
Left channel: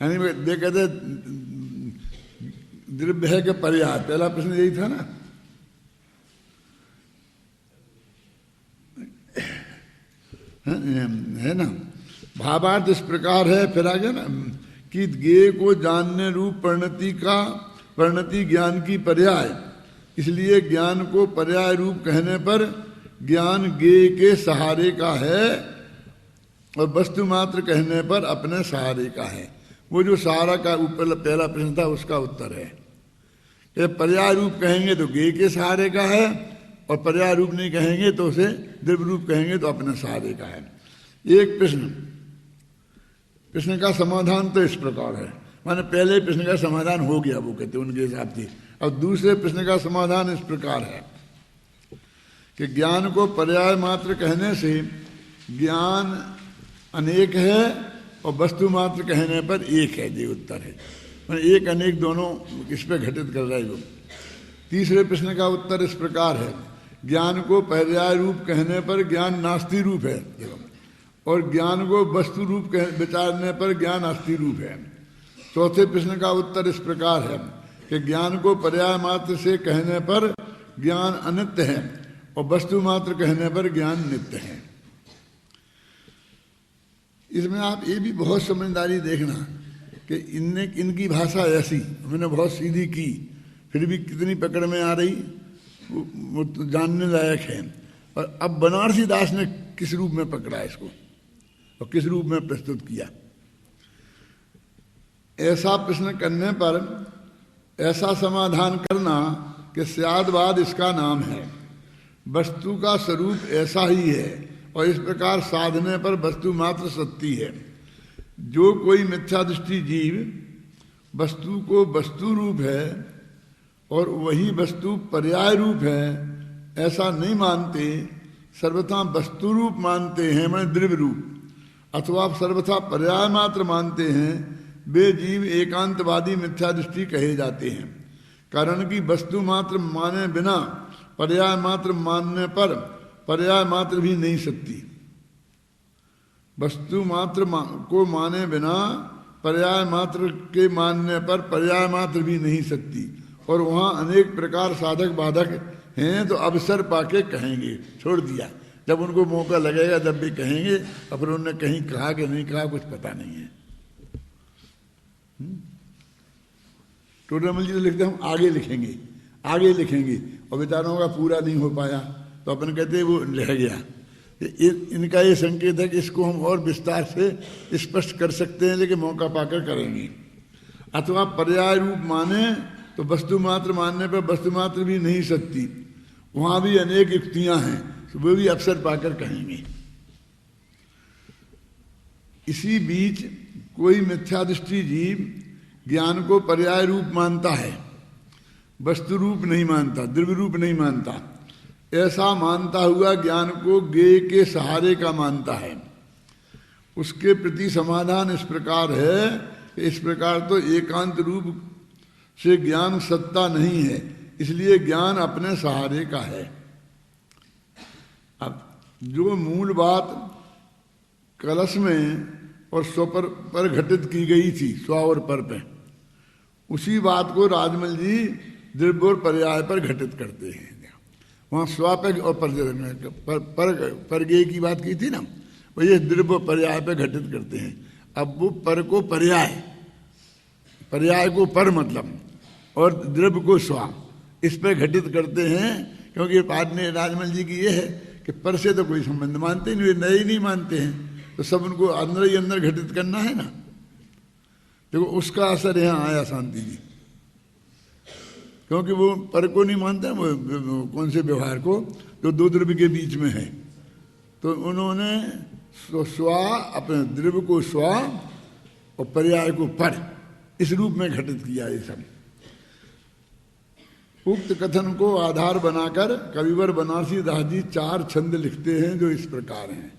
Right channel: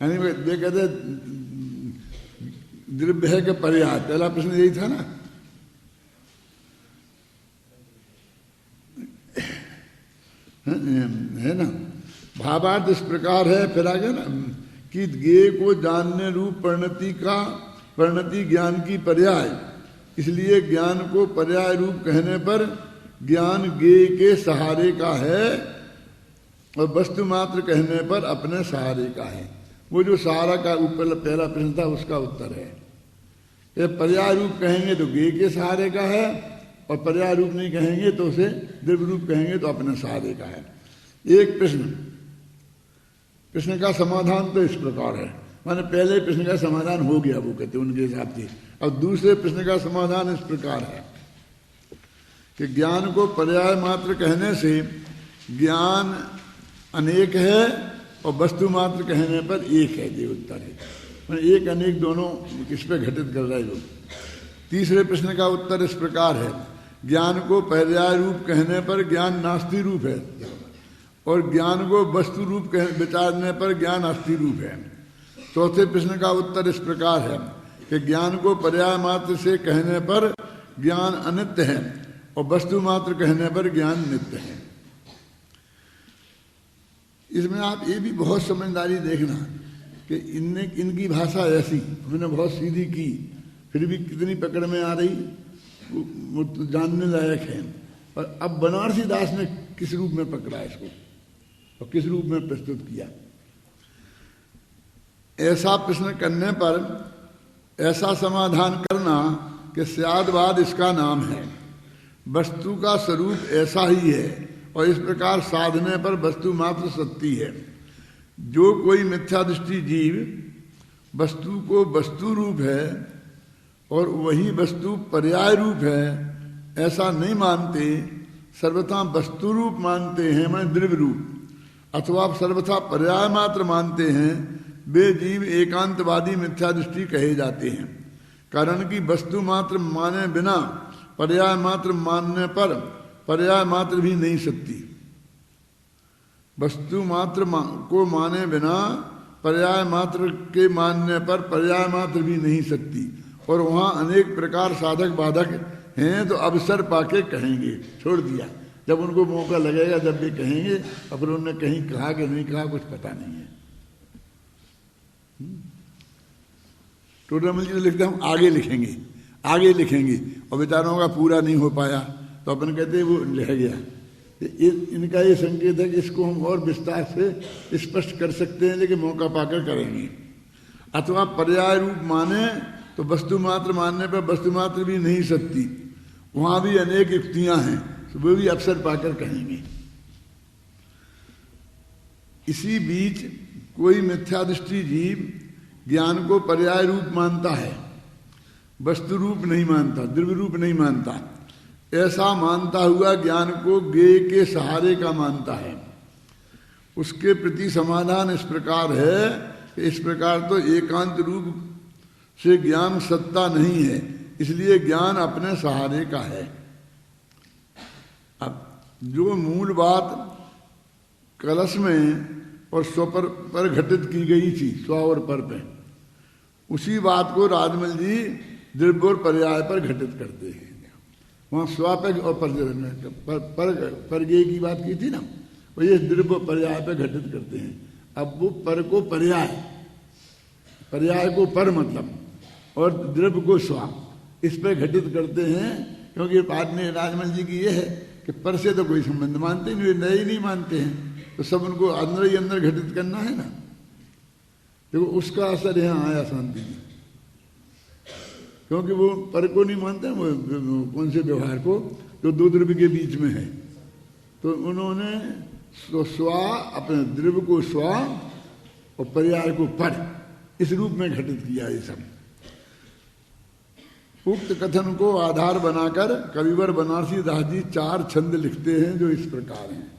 यानी कहते द्रव्य है कि पर्याय, पहला प्रश्न यही था ना। है ना। भावार्थ इस प्रकार है, फिर आगे ना कि ज्ञेय को जानने रूप परिणति ज्ञान की पर्याय, इसलिए ज्ञान को पर्याय रूप कहने पर ज्ञान ज्ञेय के सहारे का है और वस्तु मात्र कहने पर अपने सहारे का है। वो जो सहारा का ऊपर पहला प्रश्न था उसका उत्तर है। ये पर्याय रूप कहेंगे तो ज्ञेय के सहारे का है और पर्याय रूप नहीं कहेंगे तो उसे द्रव्य रूप कहेंगे तो अपने सहारे का है। एक प्रश्न का समाधान तो इस प्रकार है, माने पहले प्रश्न का समाधान हो गया वो कहते उनके हिसाब से। और दूसरे प्रश्न का समाधान इस प्रकार है कि ज्ञान को पर्याय मात्र कहने से ज्ञान अनेक है और वस्तु मात्र कहने पर एक है। ये उत्तर है, माने एक अनेक दोनों इस पर घटित कर रहे हो। तीसरे प्रश्न का उत्तर इस प्रकार है, ज्ञान को पर्याय रूप कहने पर ज्ञान नास्ति रूप है और ज्ञान को वस्तु रूप विचारने पर ज्ञान अस्थि रूप है। चौथे प्रश्न का उत्तर इस प्रकार है कि ज्ञान को पर्याय मात्र से कहने पर ज्ञान अनित्य है और वस्तु मात्र कहने पर ज्ञान नित्य है। इसमें आप ये भी बहुत समझदारी देखना कि इनकी भाषा ऐसी, इन्होंने बहुत सीधी की, फिर भी कितनी पकड़ में आ रही वो तो जानने लायक है। और अब बनारसी दास ने किस रूप में पकड़ा इसको और किस रूप में प्रस्तुत किया। ऐसा प्रश्न करने पर ऐसा समाधान करना कि स्यादवाद इसका नाम है। वस्तु का स्वरूप ऐसा ही है और इस प्रकार साधने पर वस्तु मात्र सत्य है। जो कोई मिथ्या दृष्टि जीव वस्तु को वस्तु रूप है और वही वस्तु पर्याय रूप है ऐसा नहीं मानते, सर्वथा वस्तु रूप मानते हैं माने द्रव्य रूप, अथवा सर्वथा पर्याय मात्र मानते हैं, वे जीव एकांतवादी मिथ्या दृष्टि कहे जाते हैं। कारण कि वस्तु मात्र माने बिना पर्याय मात्र मानने पर पर्याय मात्र भी नहीं सकती। वस्तु मात्र को माने बिना पर्याय मात्र के मानने पर पर्याय मात्र भी नहीं सकती, और वहाँ अनेक प्रकार साधक बाधक हैं तो अवसर पाके कहेंगे। छोड़ दिया, जब उनको मौका लगेगा जब भी कहेंगे, और फिर उन्होंने कहीं कहा कि नहीं कहा कुछ पता नहीं है। टोडामल जी तो लिखते हम आगे लिखेंगे, आगे लिखेंगे, और बेचारों का पूरा नहीं हो पाया तो अपन कहते वो रह गया। इनका ये संकेत है कि इसको हम और विस्तार से स्पष्ट कर सकते हैं, लेकिन मौका पाकर करेंगे। अथवा पर्याय रूप माने तो वस्तु मात्र मानने पर वस्तु मात्र भी नहीं सकती, वहां भी अनेक युक्तियां हैं, तो वो भी अवसर पाकर कहेंगे। इसी बीच कोई मिथ्या दृष्टि जीव ज्ञान को पर्याय रूप मानता है, वस्तु रूप नहीं मानता, द्रव्य रूप नहीं मानता। ऐसा मानता हुआ ज्ञान को ज्ञेय के सहारे का मानता है। उसके प्रति समाधान इस प्रकार है कि इस प्रकार तो एकांत रूप से ज्ञान सत्ता नहीं है, इसलिए ज्ञान अपने सहारे का है। अब जो मूल बात कलश में और स्व पर घटित की गई थी, स्व और पर पे, उसी बात को राजमल जी द्रव्य और पर्याय पर घटित करते हैं। वहाँ स्व पे और पर गे की बात की थी ना, वो ये द्रव्य पर्याय पे घटित करते हैं। अब वो पर को पर्याय, पर्याय को पर मतलब, और द्रव्य को स्व, इस पर घटित करते हैं। क्योंकि बात में राजमल जी की ये है कि पर से तो कोई संबंध मानते नहीं, वे नए ही नहीं मानते हैं, तो सब उनको अंदर ही अंदर घटित करना है ना। देखो उसका असर यहाँ आया शांति जी, क्योंकि वो पर को नहीं मानते, वो कौन से व्यवहार को जो दो द्रव्य के बीच में है, तो उन्होंने स्व अपने द्रव्य को स्व और पर्याय को पर इस रूप में घटित किया। ये सब उक्त कथन को आधार बनाकर कविवर बनारसी दास जी 4 छंद लिखते हैं जो इस प्रकार हैं,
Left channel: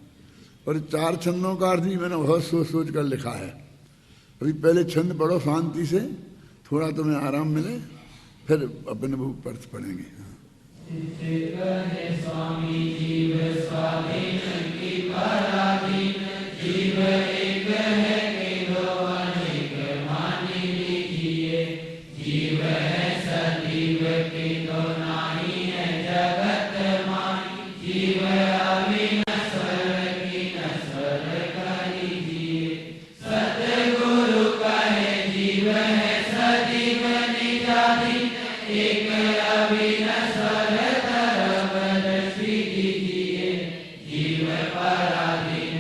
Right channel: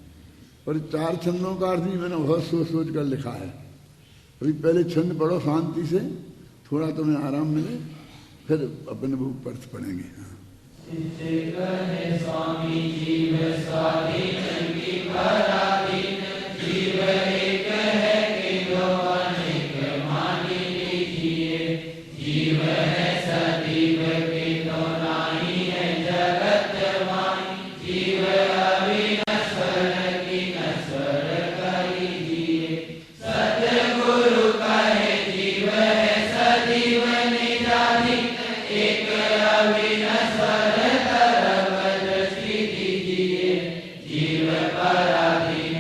और 4 छंदों का अर्थ भी मैंने बहुत सोच सोच कर लिखा है। अभी पहले छंद पढ़ो शांति से, थोड़ा तुम्हें आराम मिले, फिर अपने बुक पर पढ़ेंगे। स्वामी जीव स्वाधीन की पराधीन, जीव एक है किंतु अनेक मानी लीजिए, जीव है सजीव किंतु नाही है जगत मानी, जीव अविनश्वर की नश्वर करीजिए, सतगुरु कहे जीव है सजीव निजाधीन, एक अविनश्वर तरव दृष्टि दीजिए, जीव पराधीन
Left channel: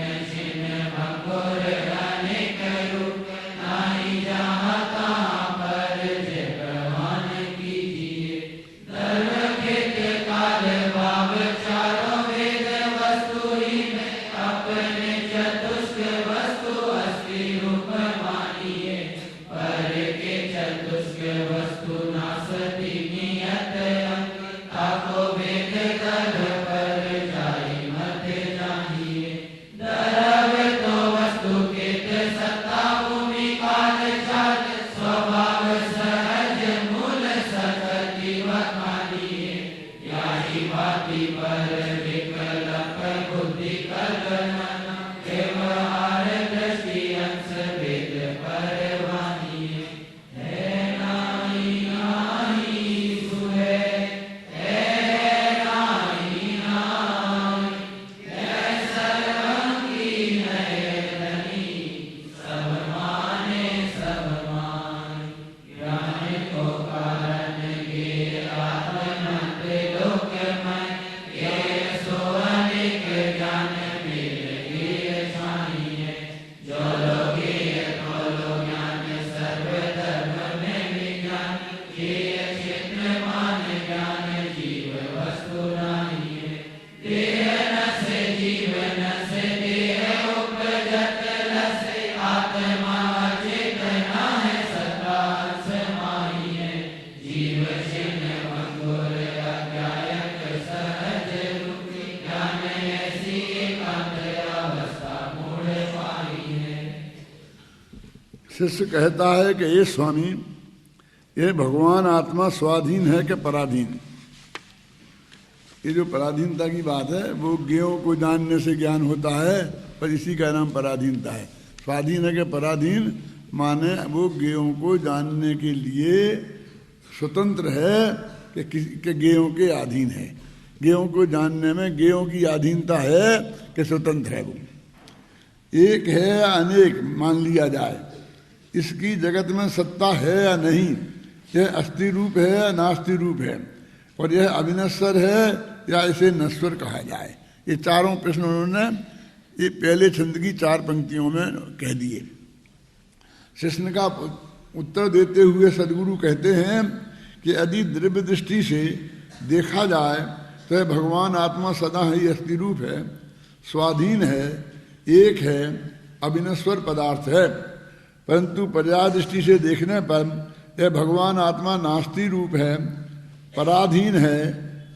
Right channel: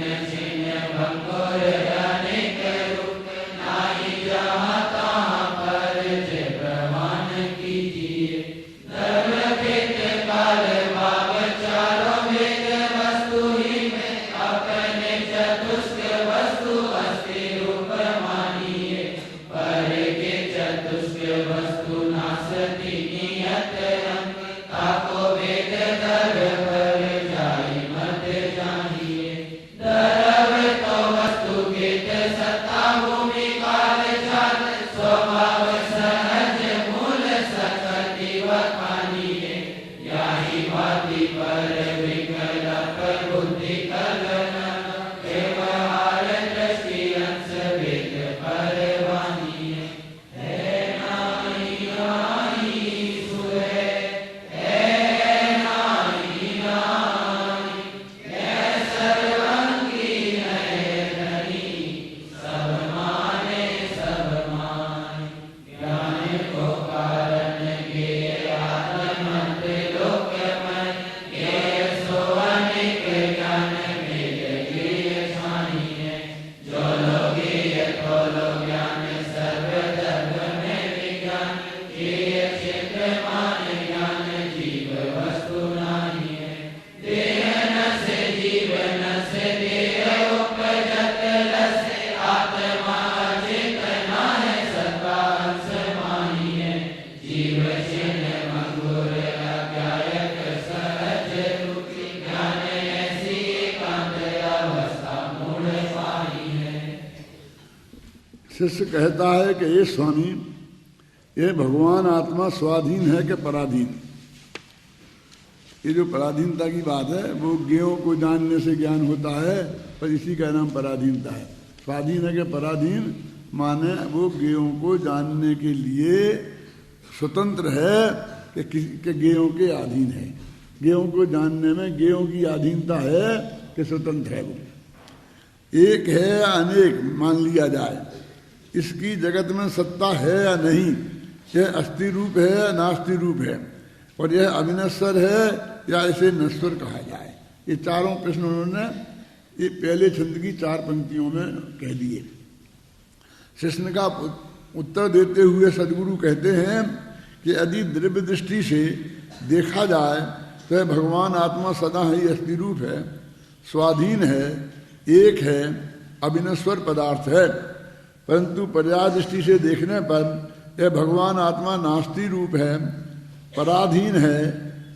शिष्य कहता है कि ये स्वामी, ये भगवान आत्मा स्वाधीन है कि पराधीन? ये जो पराधीनता की बात है वो ज्ञेयों को जानने से ज्ञान होता है, पर इसी का नाम पराधीनता है। स्वाधीन है कि पराधीन माने वो ज्ञेयों को जानने के लिए स्वतंत्र है कि ज्ञेयों के अधीन है। ज्ञेयों को जानने में ज्ञेयों की अधीनता है कि स्वतंत्र है। वो एक है या अनेक मान लिया जाए, इसकी जगत में सत्ता है या नहीं, यह अस्थि रूप है या नास्ति रूप है, और यह अविनश्वर है या इसे नश्वर कहा जाए। ये चारों प्रश्न उन्होंने ये पहले छंद की 4 पंक्तियों में कह दिए। प्रश्न का उत्तर देते हुए सदगुरु कहते हैं कि यदि द्रव्य दृष्टि से देखा जाए तो भगवान आत्मा सदा ही अस्थि रूप है, स्वाधीन है, एक है, अविनश्वर पदार्थ है। परंतु पर्याय दृष्टि से देखने पर यह भगवान आत्मा नास्ति रूप है, पराधीन है,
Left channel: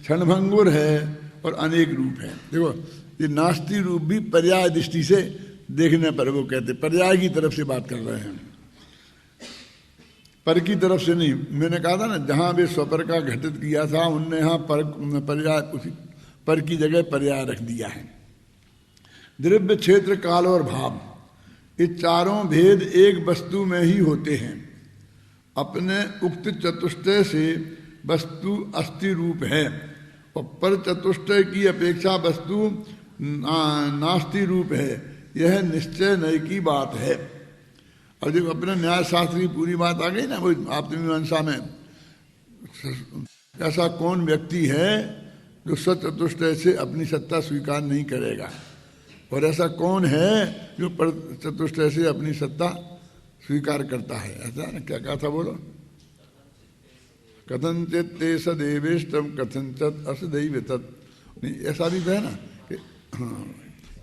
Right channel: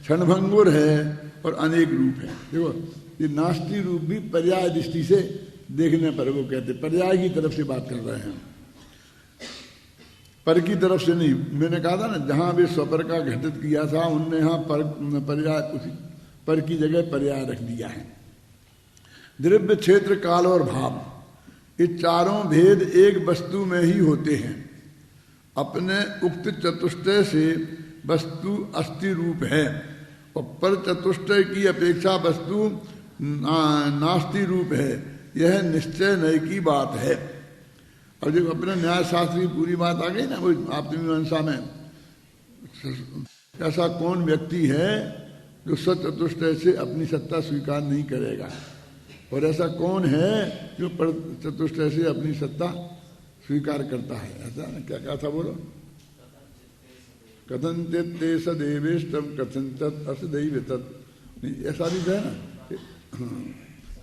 क्षणभंगुर है और अनेक रूप है। देखो ये नास्ति रूप भी पर्याय दृष्टि से देखने पर, वो कहते पर्याय की तरफ से बात कर रहे हैं, पर की तरफ से नहीं। मैंने कहा था ना, जहां वे स्वपर का घटित किया था उनने यहाँ पर्याय, उसी पर की जगह पर्याय रख दिया है। द्रव्य, क्षेत्र, काल और भाव, ये चारों भेद एक वस्तु में ही होते हैं। अपने उक्त चतुष्टय से वस्तु अस्थि रूप है और पर चतुष्टय की अपेक्षा वस्तु नास्ति रूप है। यह निश्चय नय की बात है। और जब अपने न्याय शास्त्र की पूरी बात आ गई ना, वो आत्ममीमांसा में, ऐसा कौन व्यक्ति है जो सचतुष्टय से अपनी सत्ता स्वीकार नहीं करेगा, और ऐसा कौन है जो पर चतुष्टय से अपनी सत्ता स्वीकार करता है। ऐसा ना, क्या कहा था बोलो, कथनचित ते सदेवेष्टम कथनचित असदैव तत्। ऐसा भी है ना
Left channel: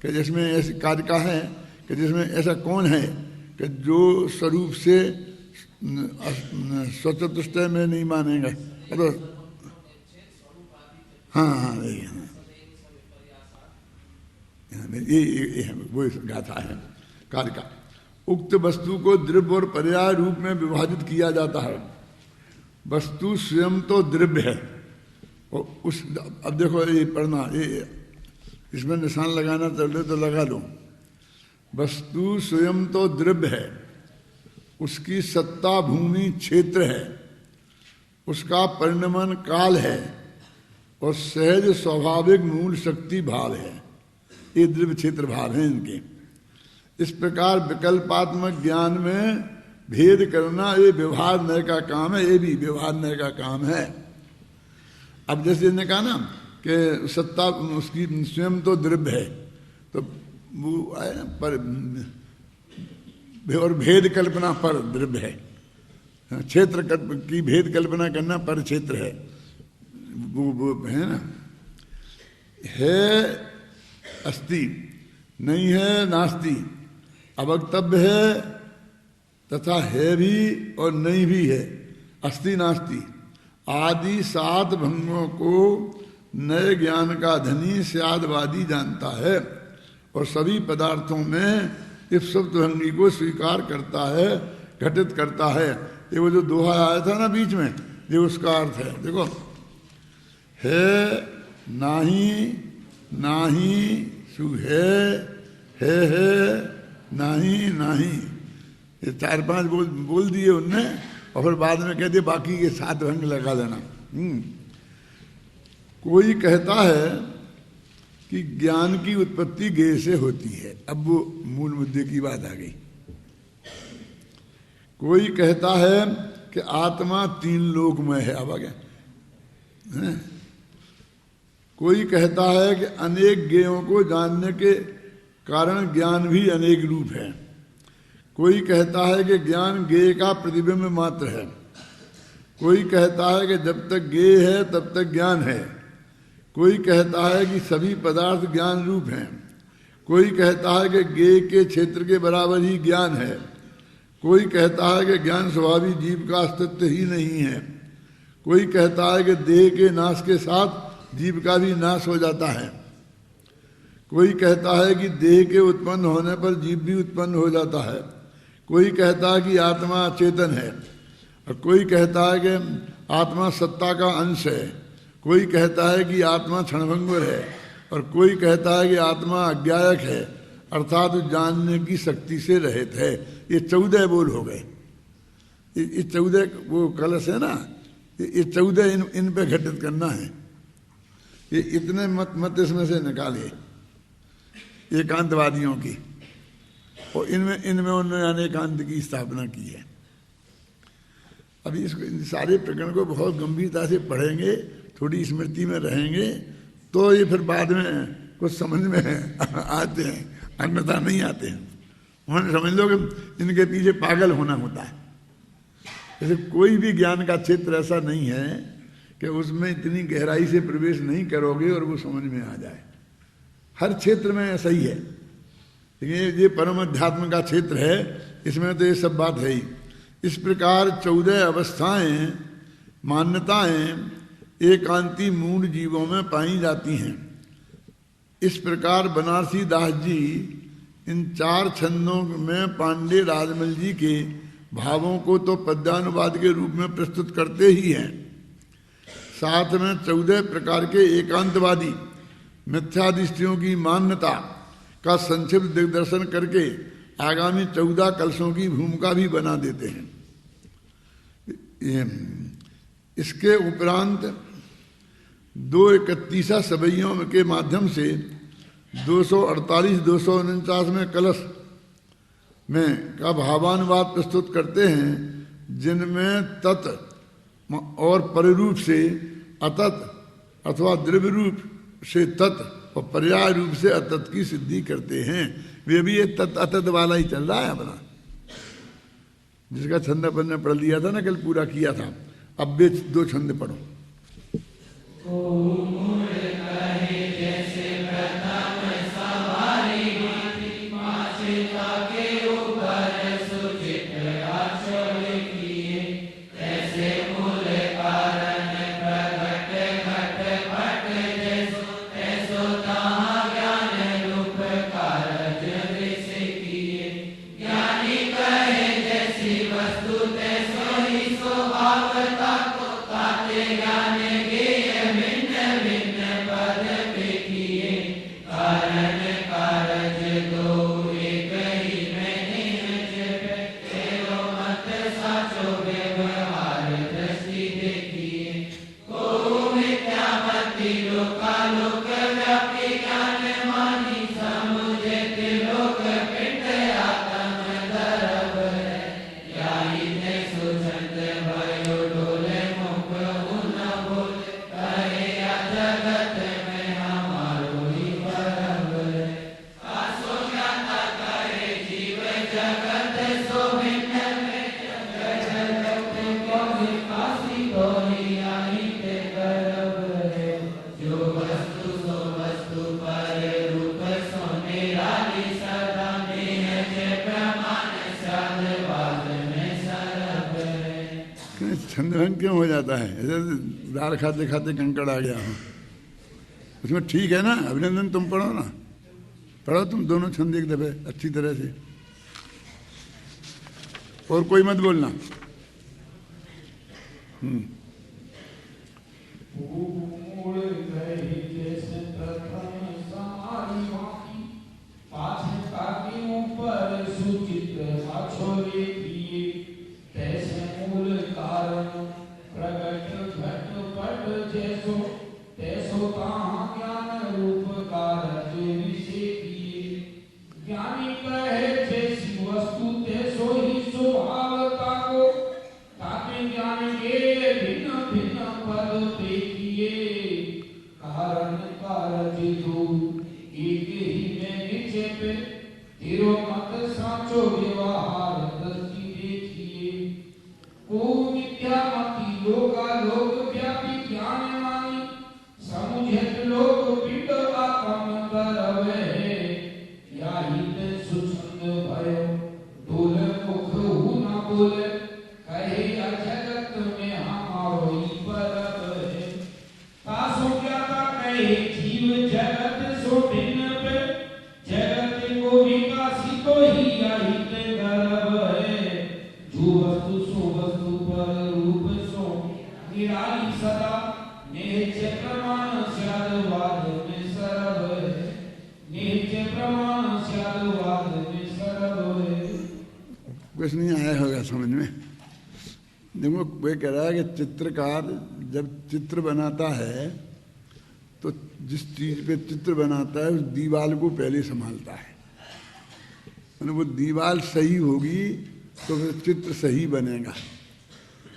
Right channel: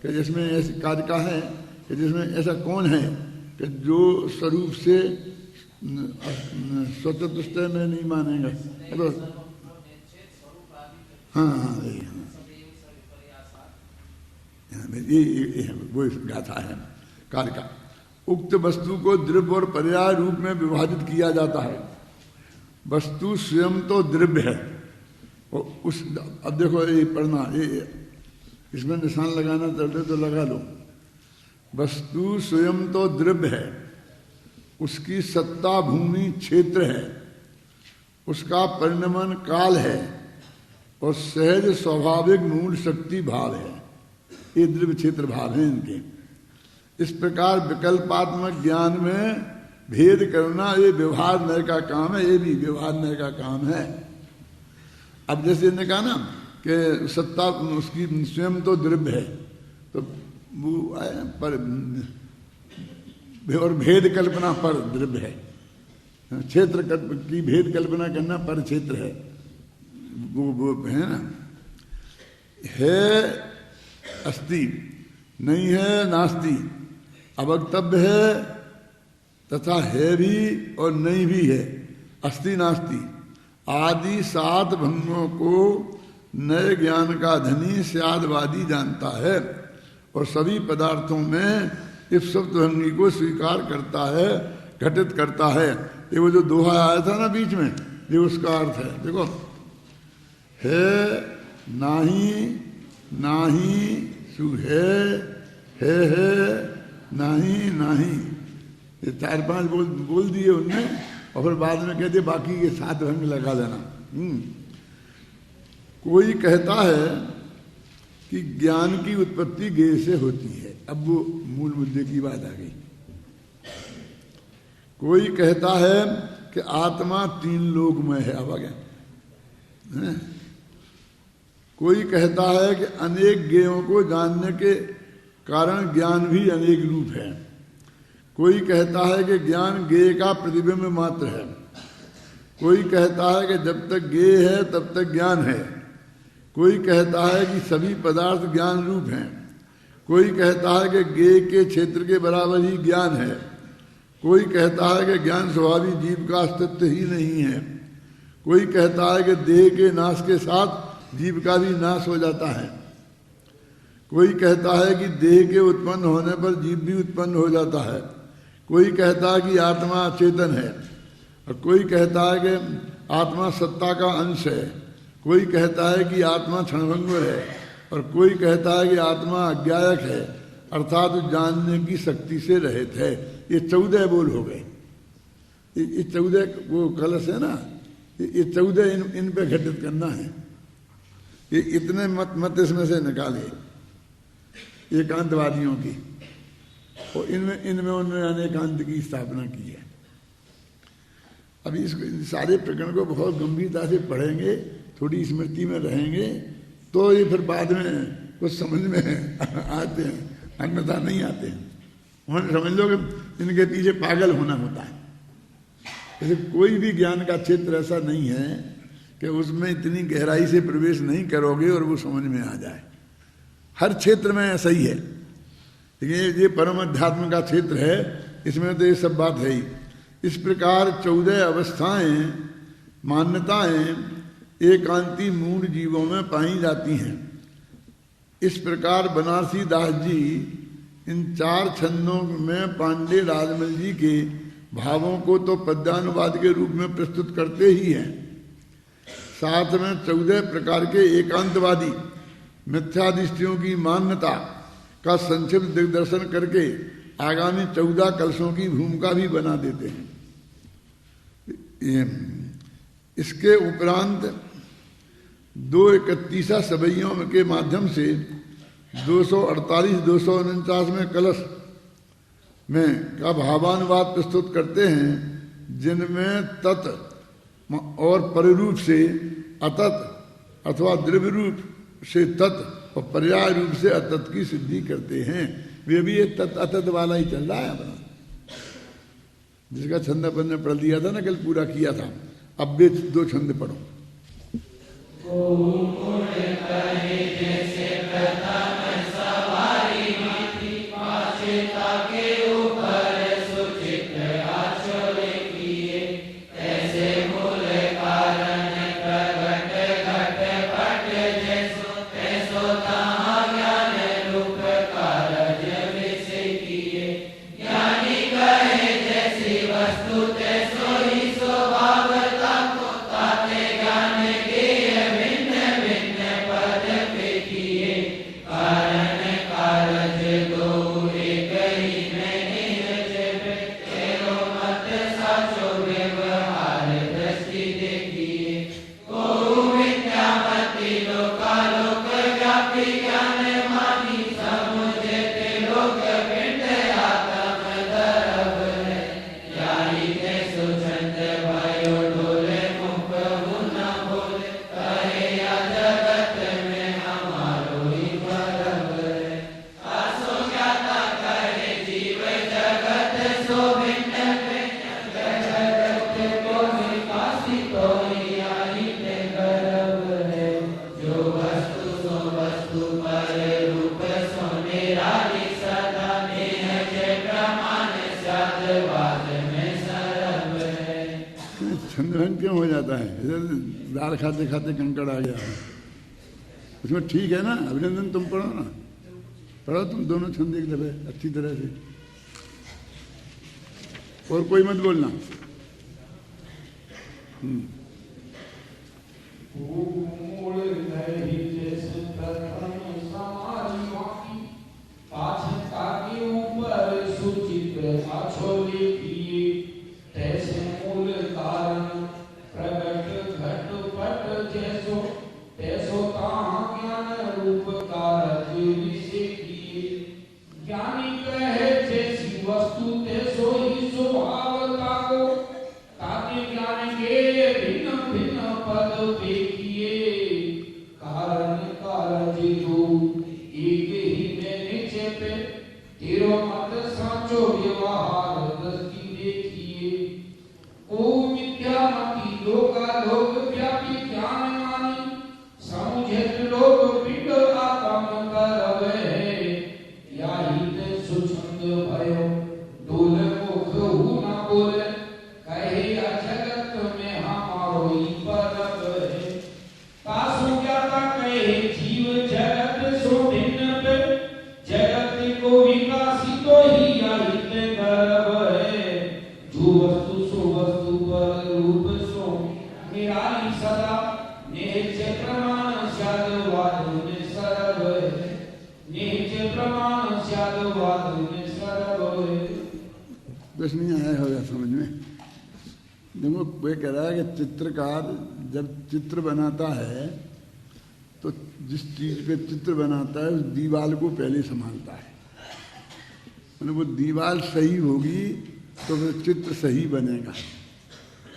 कि जिसमें ऐसे कार्य का है कि जिसमें ऐसा कौन है कि जो स्वरूप से स्वचतुष्टय में नहीं मानेगा। तो हाँ हाँ ये वो गाथा है कार्य का। उक्त वस्तु को द्रव्य और पर्याय रूप में विभाजित किया जाता है। वस्तु स्वयं तो द्रव्य है और उस, अब देखो ये पढ़ना, ये इसमें निशान लगाना चल तो लगा लो। वस्तु स्वयं तो द्रव्य है, उसकी सत्ता भूमि क्षेत्र है, उसका परिणमन काल है और सहज स्वाभाविक मूल शक्ति भाव है। ये द्रव्य क्षेत्र भाव है इनके। इस प्रकार विकल्पात्मक ज्ञान में भेद करना ये व्यवहार नय का काम है। ये भी व्यवहार नय का काम है। अब जैसे ने कहा ना कि सत्ता उसकी स्वयं तो द्रव्य है, तो वो आया ना पर, और भेद कल्पना पर द्रव्य है। क्षेत्र की भेद कल्पना करना पर क्षेत्र है। वो है ना, है अस्ति, नहीं है नास्ति, अवक्तव्य है तथा है भी और नहीं भी है, अस्ति नास्ति आदि 7 भंगों को नए ज्ञान का धनी स्यादवादी जानता है और सभी पदार्थों में इप्सुप्त भंगी को स्वीकार करता है, घटित करता है। ये वो जो दोहा आया था ना बीच में, ये उसका अर्थ है। देखो, है नाही, नाही सु है नाही नाही, ये 4-5 बोल दिए उनने और फिर बाद में कहते बाकी ये 7 भंग लगा देना। कोई कहता है कि ज्ञान की उत्पत्ति ज्ञेय से होती है। अब वो मूल मुद्दे की बात आ गई। कोई कहता है कि आत्मा 3 लोक में है। अब आ गया। कोई कहता है कि अनेक ज्ञेयों को जानने के कारण ज्ञान भी अनेक रूप है। कोई कहता है कि ज्ञान ज्ञेय का प्रतिबिंब मात्र है। कोई कहता है कि जब तक ज्ञेय है तब तक ज्ञान है। कोई कहता है कि सभी पदार्थ ज्ञान रूप हैं। कोई कहता है कि ज्ञेय के क्षेत्र के बराबर ही ज्ञान है। कोई कहता है कि ज्ञान स्वाभाविक जीव का अस्तित्व ही नहीं है। कोई कहता है कि देह के नाश के साथ जीव का भी नाश हो जाता है। कोई कहता है कि देह के उत्पन्न होने पर जीव भी उत्पन्न हो जाता है। कोई कहता है कि आत्मा चेतन है, और कोई कहता है कि आत्मा सत्ता का अंश है, कोई कहता है कि आत्मा क्षणभंगुर है, और कोई कहता है कि आत्मा अज्ञायक है, अर्थात जानने की शक्ति से रहित है। ये 14 बोल हो गए। ये 14 वो कलश है ना, ये 14 इन पे घटित करना है। ये इतने मत इसमें से निकालिए एकांतवादियों की, और इनमें उन्होंने अनेकांत की स्थापना की है। अभी इस सारे प्रकरण को बहुत गंभीरता से पढ़ेंगे, थोड़ी स्मृति में रहेंगे, तो ये फिर बाद में कुछ समझ में आते हैं, अन्यथा नहीं आते हैं। उन्होंने समझ लो कि इनके पीछे पागल होना होता है। जैसे कोई भी ज्ञान का क्षेत्र ऐसा नहीं है कि उसमें इतनी गहराई से प्रवेश नहीं करोगे और वो समझ में आ जाए। हर क्षेत्र में ऐसा ही है, लेकिन ये परम अध्यात्म का क्षेत्र है, इसमें तो ये सब बात है ही। इस प्रकार 14 अवस्थाएं, मान्यताएं एकांती मूल जीवों में पाई जाती हैं। इस प्रकार बनारसी दास जी इन 4 छंदों में पांडे राजमल जी के भावों को तो पद्यानुवाद के रूप में प्रस्तुत करते ही हैं, साथ में 14 प्रकार के एकांतवादी मिथ्यादृष्टियों की मान्यता का संक्षिप्त दिग्दर्शन करके आगामी 14 कलशों की भूमिका भी बना देते हैं। इसके उपरांत 231 सवैयों के माध्यम से 248-249 में कलश में का भावानुवाद प्रस्तुत करते हैं, जिनमें तत् और परिरूप से अतत अथवा द्रव्य रूप से तत् और पर्याय रूप से अतत की सिद्धि करते हैं। वे भी ये तत् अतत वाला ही चल रहा है हमारा, जिसका छंद अपन ने पढ़ लिया था ना, कल पूरा किया था। अब भी 2 छंद पढ़ो। छंदभंग क्यों हो जाता है? दाल खाते खाते कंकड़ आ गया हूँ, उसमें ठीक है ना। अभिनंदन तुम पढ़ो ना, पढ़ो तुम दोनों छंद एक दफे अच्छी तरह से, और कोई मत बोलना। जगत को विकासित ही आहित गर्भ है। रूप सो निराली सदा नित्य प्रमाण साधुवाद निसर्ग नित्य प्रमाण साधुवाद निसर्ग। कुछ नहीं आया होगा समझ में। देखो वे कह रहा है कि चित्रकार जब चित्र बनाता है तो जिस चीज पे चित्र बनाता है उस दीवार को पहले संभालता है। वो दीवार सही होगी तो वो चित्र सही बनेगा।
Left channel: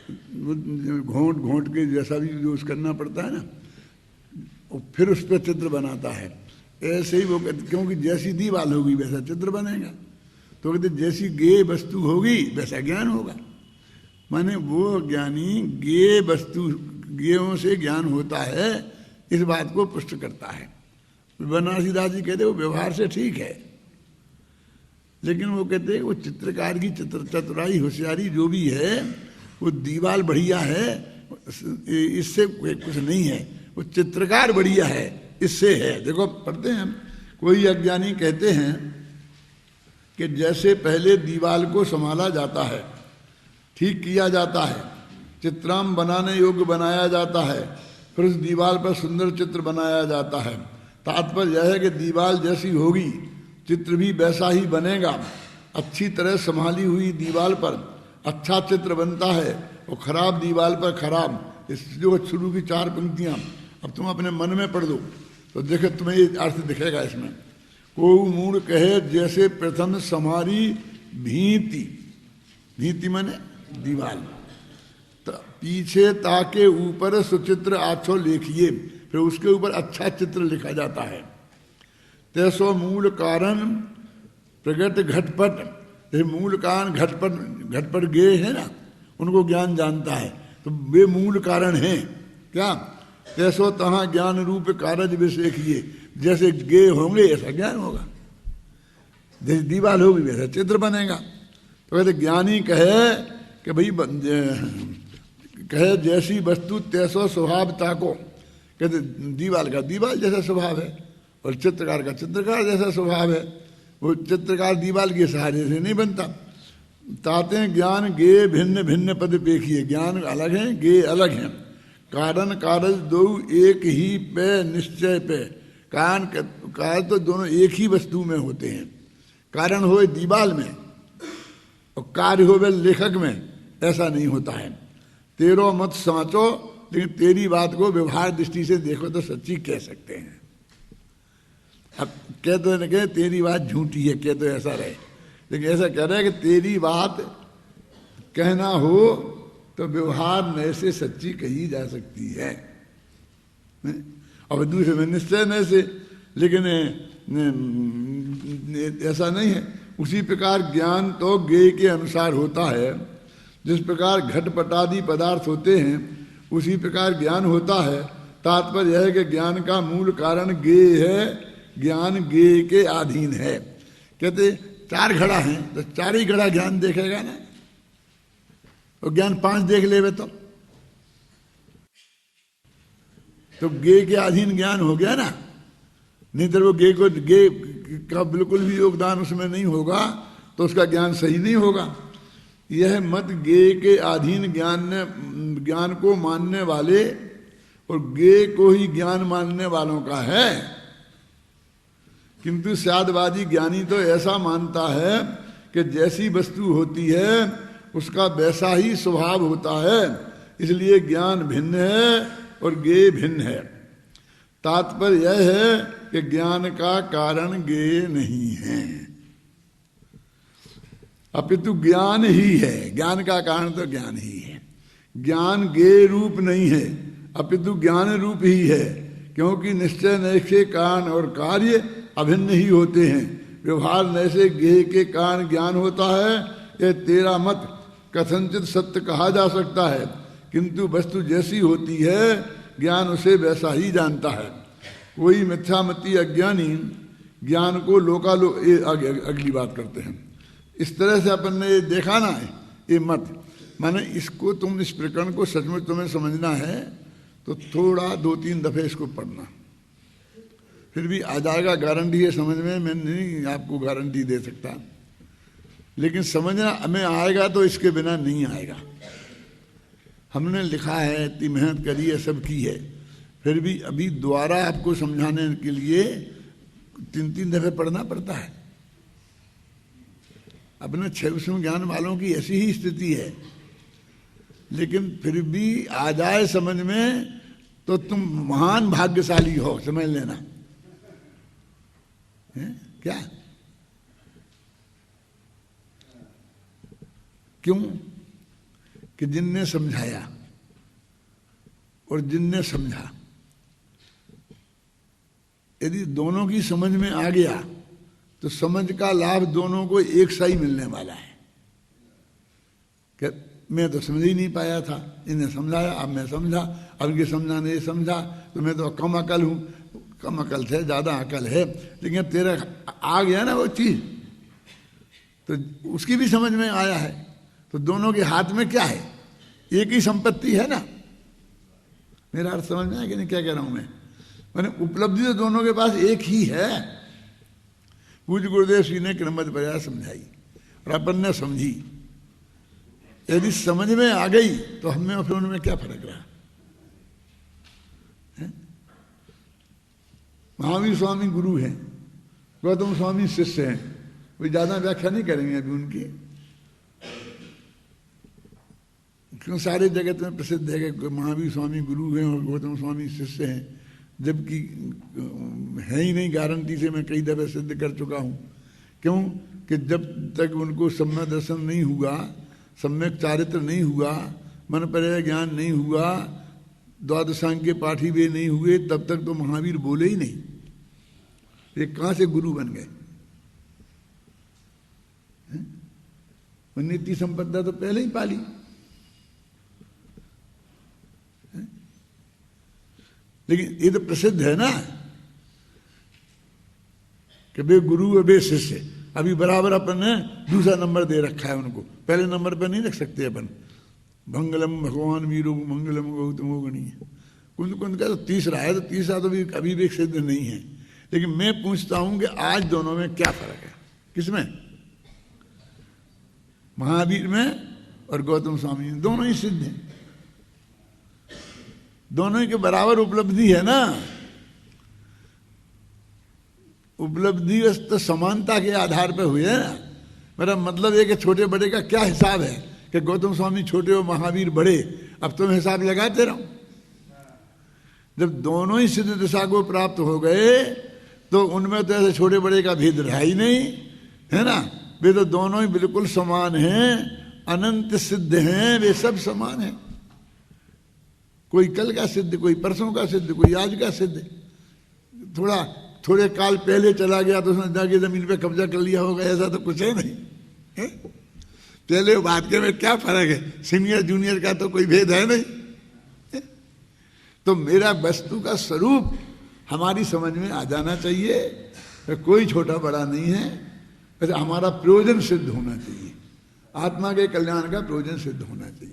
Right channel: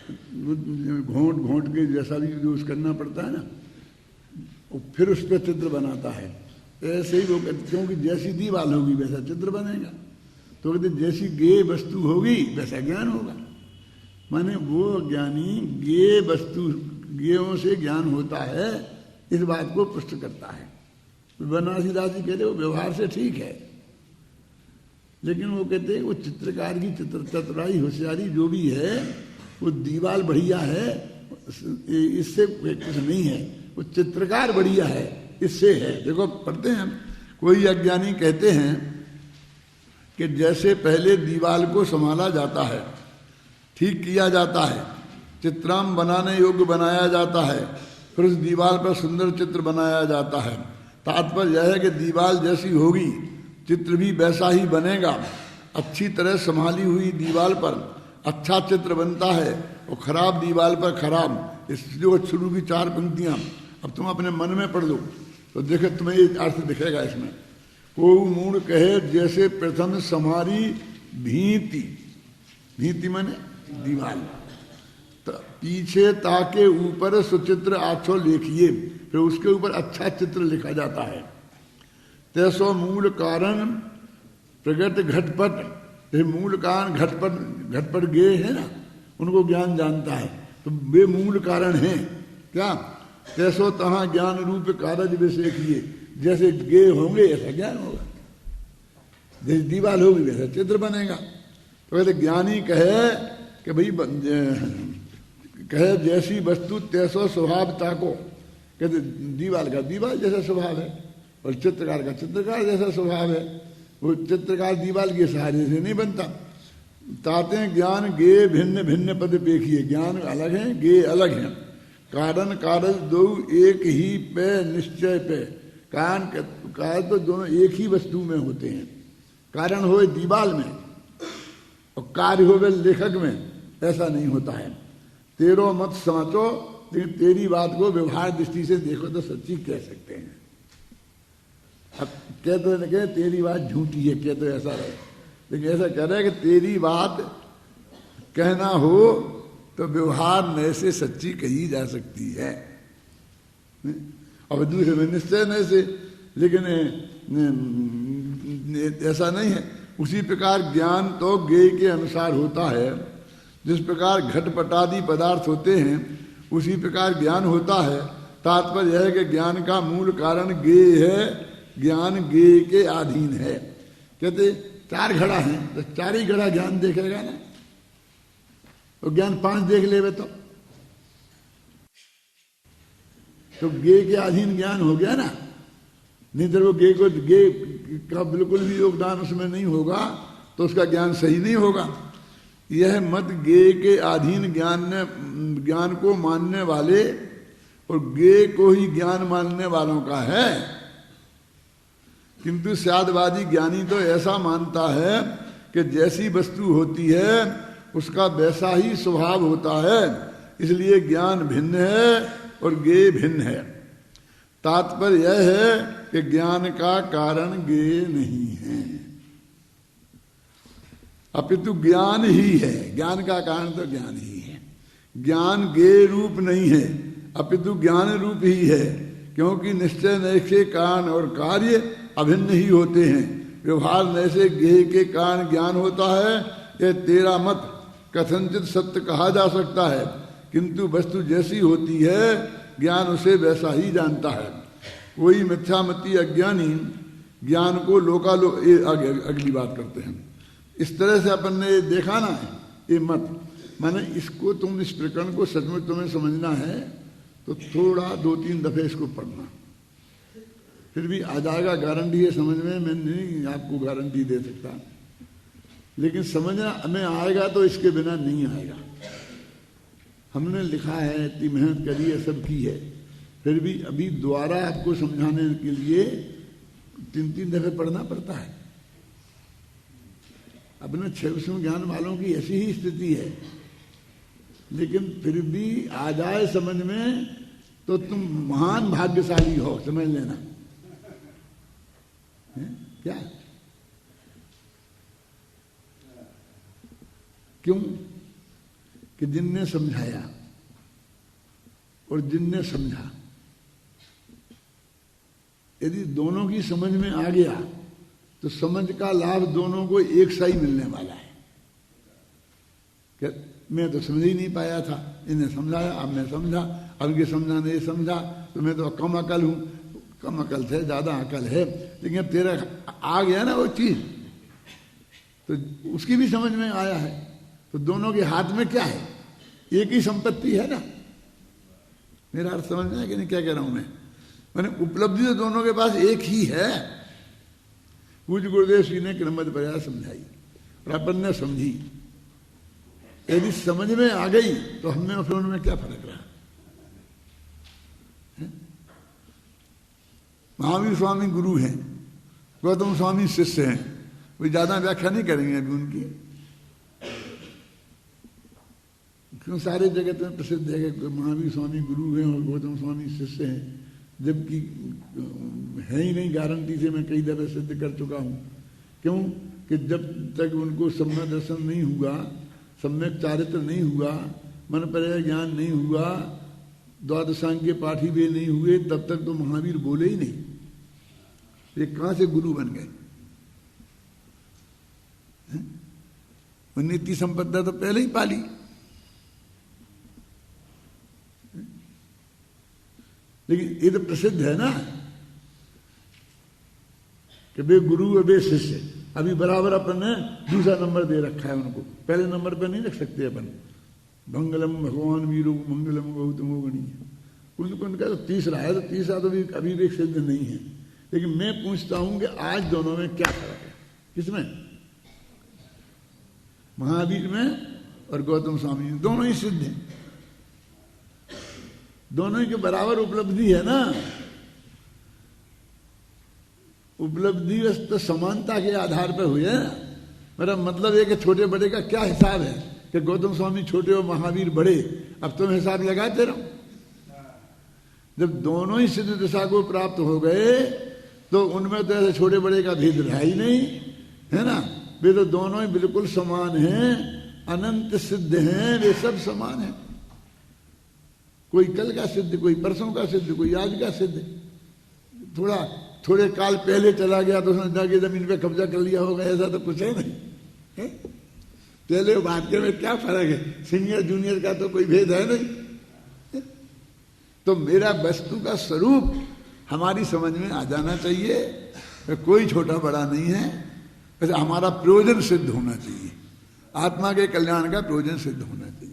घोंट घोंट के जैसा भी यूज करना पड़ता है ना, वो फिर उस पर चित्र बनाता है। ऐसे ही वो कहते, क्योंकि जैसी दीवार होगी वैसा चित्र बनेगा। तो कहते जैसी गे वस्तु होगी वैसा ज्ञान होगा। माने वो ज्ञानी गे वस्तु गेयों से ज्ञान होता है, इस बात को पुष्ट करता है। बनारसी दास जी कहते वो व्यवहार से ठीक है, लेकिन वो कहते हैं वो चित्रकार की चतुराई होशियारी जो भी है वो दीवार बढ़िया है, इससे कुछ नहीं है। वो चित्रकार बढ़िया है, इससे है। देखो पढ़ते हैं हम, कोई अज्ञानी कहते हैं कि जैसे पहले दीवार को संभाला जाता है, ठीक किया जाता है, चित्राम बनाने योग्य बनाया जाता है, फिर उस दीवार पर सुंदर चित्र बनाया जाता है। तात्पर्य यह है कि दीवार जैसी होगी चित्र भी वैसा ही बनेगा। अच्छी तरह संभाली हुई दीवार पर अच्छा चित्र बनता है और खराब दीवार पर खराब। इस जो शुरू की 4 पंक्तियां अब तुम अपने मन में पढ़ लो तो देखो तुम्हें ये अर्थ दिखेगा इसमें। को मूल कहे जैसे प्रथम समारी भीति, भीति माने दीवार, पीछे ताके ऊपर सुचित्र आछो लिखिए, फिर उसके ऊपर अच्छा चित्र लिखा जाता है। तैसो मूल कारण प्रगट घटपट, ये मूल कारण घटपट गे है ना, उनको ज्ञान जानता है तो वे मूल कारण हैं क्या। तैसो तहाँ ज्ञान रूप कारज विषय किए, जैसे गे होंगे ऐसा ज्ञान होगा, जैसे दीवार होगी वैसा चित्र बनेगा। तो कहते ज्ञानी कहे कि भाई कहे जैसी वस्तु तैसो स्वभावता को, कहते दीवार का दीवार जैसा स्वभाव है और चित्रकार का चित्रकार जैसा स्वभाव है। वो चित्रकार दीवार के सहारे से नहीं बनता। ताते ज्ञान गे भिन्न भिन्न पद पेखिए, ज्ञान अलग है गे अलग है। कारण कारज दो एक ही पे निश्चय पे, कारण तो दोनों एक ही वस्तु में होते हैं। कारण होए दीवार में और कार्य होवे लेखक में, ऐसा नहीं होता है। तेरो मत समझो, लेकिन तेरी बात को व्यवहार दृष्टि से देखो तो सच्ची कह सकते हैं। अब कह तो न कहे तेरी बात झूठी है, कह तो ऐसा रहे, लेकिन ऐसा कह रहा है कि तेरी बात कहना हो तो व्यवहार नए से सच्ची कही जा सकती है। अब दूसरे में निश्चय नए से, लेकिन ऐसा नहीं है। उसी प्रकार ज्ञान तो ज्ञेय के अनुसार होता है। जिस प्रकार घटपटादि पदार्थ होते हैं उसी प्रकार ज्ञान होता है। तात्पर्य यह है कि ज्ञान का मूल कारण ज्ञेय है, ज्ञान ज्ञेय के अधीन है। कहते 4 घड़ा हैं तो 4 ही घड़ा ज्ञान देखेगा ना, और ज्ञान 5 देख लेवे तो ज्ञेय के अधीन ज्ञान हो गया ना। नहीं तो वो ज्ञेय का बिल्कुल भी योगदान उसमें नहीं होगा तो उसका ज्ञान सही नहीं होगा। यह मत ज्ञेय के अधीन ज्ञान को मानने वाले और ज्ञेय को ही ज्ञान मानने वालों का है। किंतु साध्यवादी ज्ञानी तो ऐसा मानता है कि जैसी वस्तु होती है उसका वैसा ही स्वभाव होता है, इसलिए ज्ञान भिन्न है और ज्ञेय भिन्न है। तात्पर्य यह है कि ज्ञान का कारण ज्ञेय नहीं है, अपितु ज्ञान ही है। ज्ञान का कारण तो ज्ञान ही है। ज्ञान ज्ञेय रूप नहीं है अपितु ज्ञान रूप ही है, क्योंकि निश्चय नय के कारण और कार्य अभिन्न ही होते हैं। व्यवहार नय से ज्ञेय के कारण ज्ञान होता है, यह तेरा मत कथनचित सत्य कहा जा सकता है, किंतु वस्तु जैसी होती है ज्ञान उसे वैसा ही जानता है। कोई मिथ्यामती अज्ञानी ज्ञान को लोकालोक, अगली बात करते हैं। इस तरह से अपन ने देखा ना ये मत, माने इसको तुम इस प्रकरण को सचमुच तुम्हें समझना है तो थोड़ा 2-3 दफे इसको पढ़ना, फिर भी आ जाएगा। गारंटी है समझ में, मैं नहीं आपको गारंटी दे सकता, लेकिन समझना में आएगा तो इसके बिना नहीं आएगा। हमने लिखा है, इतनी मेहनत करी है, सब की है, फिर भी अभी दोबारा आपको समझाने के लिए 3-3 दफे पढ़ना पड़ता है। अपने 6 ज्ञान वालों की ऐसी ही स्थिति है, लेकिन फिर भी आ जाए समझ में तो तुम महान भाग्यशाली हो, समझ लेना है? क्या? क्यों? कि जिनने समझाया और जिनने समझा, यदि दोनों की समझ में आ गया तो समझ का लाभ दोनों को एक सा ही मिलने वाला है। कि मैं तो समझ ही नहीं पाया था, इन्हें समझाया, अब मैं समझा, अब ये समझाने ये समझा, तो मैं तो कम अकल हूँ, कम अकल थे, ज़्यादा अकल है, लेकिन तेरा आ गया ना वो चीज़, तो उसकी भी समझ में आया है, तो दोनों के हाथ में क्या है? एक ही संपत्ति है ना। मेरा अर्थ समझ में है कि नहीं क्या कह रहा हूँ मैं? मैंने उपलब्धि तो दोनों के पास एक ही है। पूज्य गुरुदेव श्री ने क्रमबद्ध प्रयास समझाई और अपन ने समझी। यदि समझ में आ गई तो हमें और उनमें क्या फर्क रहा? महावीर स्वामी गुरु हैं, गौतम स्वामी शिष्य हैं, कोई ज्यादा व्याख्या नहीं करेंगे अभी उनकी, क्यों सारे जगत में प्रसिद्ध है कि महावीर स्वामी गुरु हैं और गौतम स्वामी शिष्य हैं, जबकि है ही नहीं। गारंटी से मैं कई दफे सिद्ध कर चुका हूं। क्यों? कि जब तक उनको सम्यक दर्शन नहीं हुआ, सम्यक चारित्र नहीं हुआ, मन पर्याय ज्ञान नहीं हुआ, द्वादशांग के पाठी वे नहीं हुए, तब तक तो महावीर बोले ही नहीं। ये कहां से गुरु बन गए? नित्य संपदा तो पहले ही पाली। लेकिन ये तो प्रसिद्ध है ना कि वे गुरु और वे शिष्य। अभी बराबर अपन ने दूसरा नंबर दे रखा है उनको, पहले नंबर पर नहीं रख सकते अपन। मंगलम भगवान वीरो मंगलम गौतमो गणीय, कुंद कुंद का तो तीसरा है, तो तीसरा तो भी अभी भी सिद्ध नहीं है। लेकिन मैं पूछता हूं कि आज दोनों में क्या फर्क है? किसमें? महावीर में और गौतम स्वामी में, दोनों ही सिद्ध हैं, दोनों के बराबर उपलब्धि है ना। उपलब्धि तो समानता के आधार पर हुई है ना। मेरा मतलब है कि छोटे बड़े का क्या हिसाब है कि गौतम स्वामी छोटे और महावीर बड़े, अब तुम हिसाब लगाते रहो। जब दोनों ही सिद्ध दिशा को प्राप्त हो गए तो उनमें तो ऐसे छोटे बड़े का भेद रहा ही नहीं है ना। वे तो दोनों ही बिल्कुल समान हैं, अनंत सिद्ध हैं, वे सब समान हैं। कोई कल का सिद्ध, कोई परसों का सिद्ध, कोई आज का सिद्ध। थोड़े काल पहले चला गया तो उसने जाके जमीन पे कब्जा कर लिया होगा, ऐसा तो कुछ है नहीं है? पहले बाद के में क्या फर्क है? सीनियर जूनियर का तो कोई भेद है नहीं है? तो मेरा वस्तु का स्वरूप हमारी समझ में आ जाना चाहिए। कोई छोटा बड़ा नहीं है, बस हमारा प्रयोजन सिद्ध होना चाहिए, आत्मा के कल्याण का प्रयोजन सिद्ध होना चाहिए।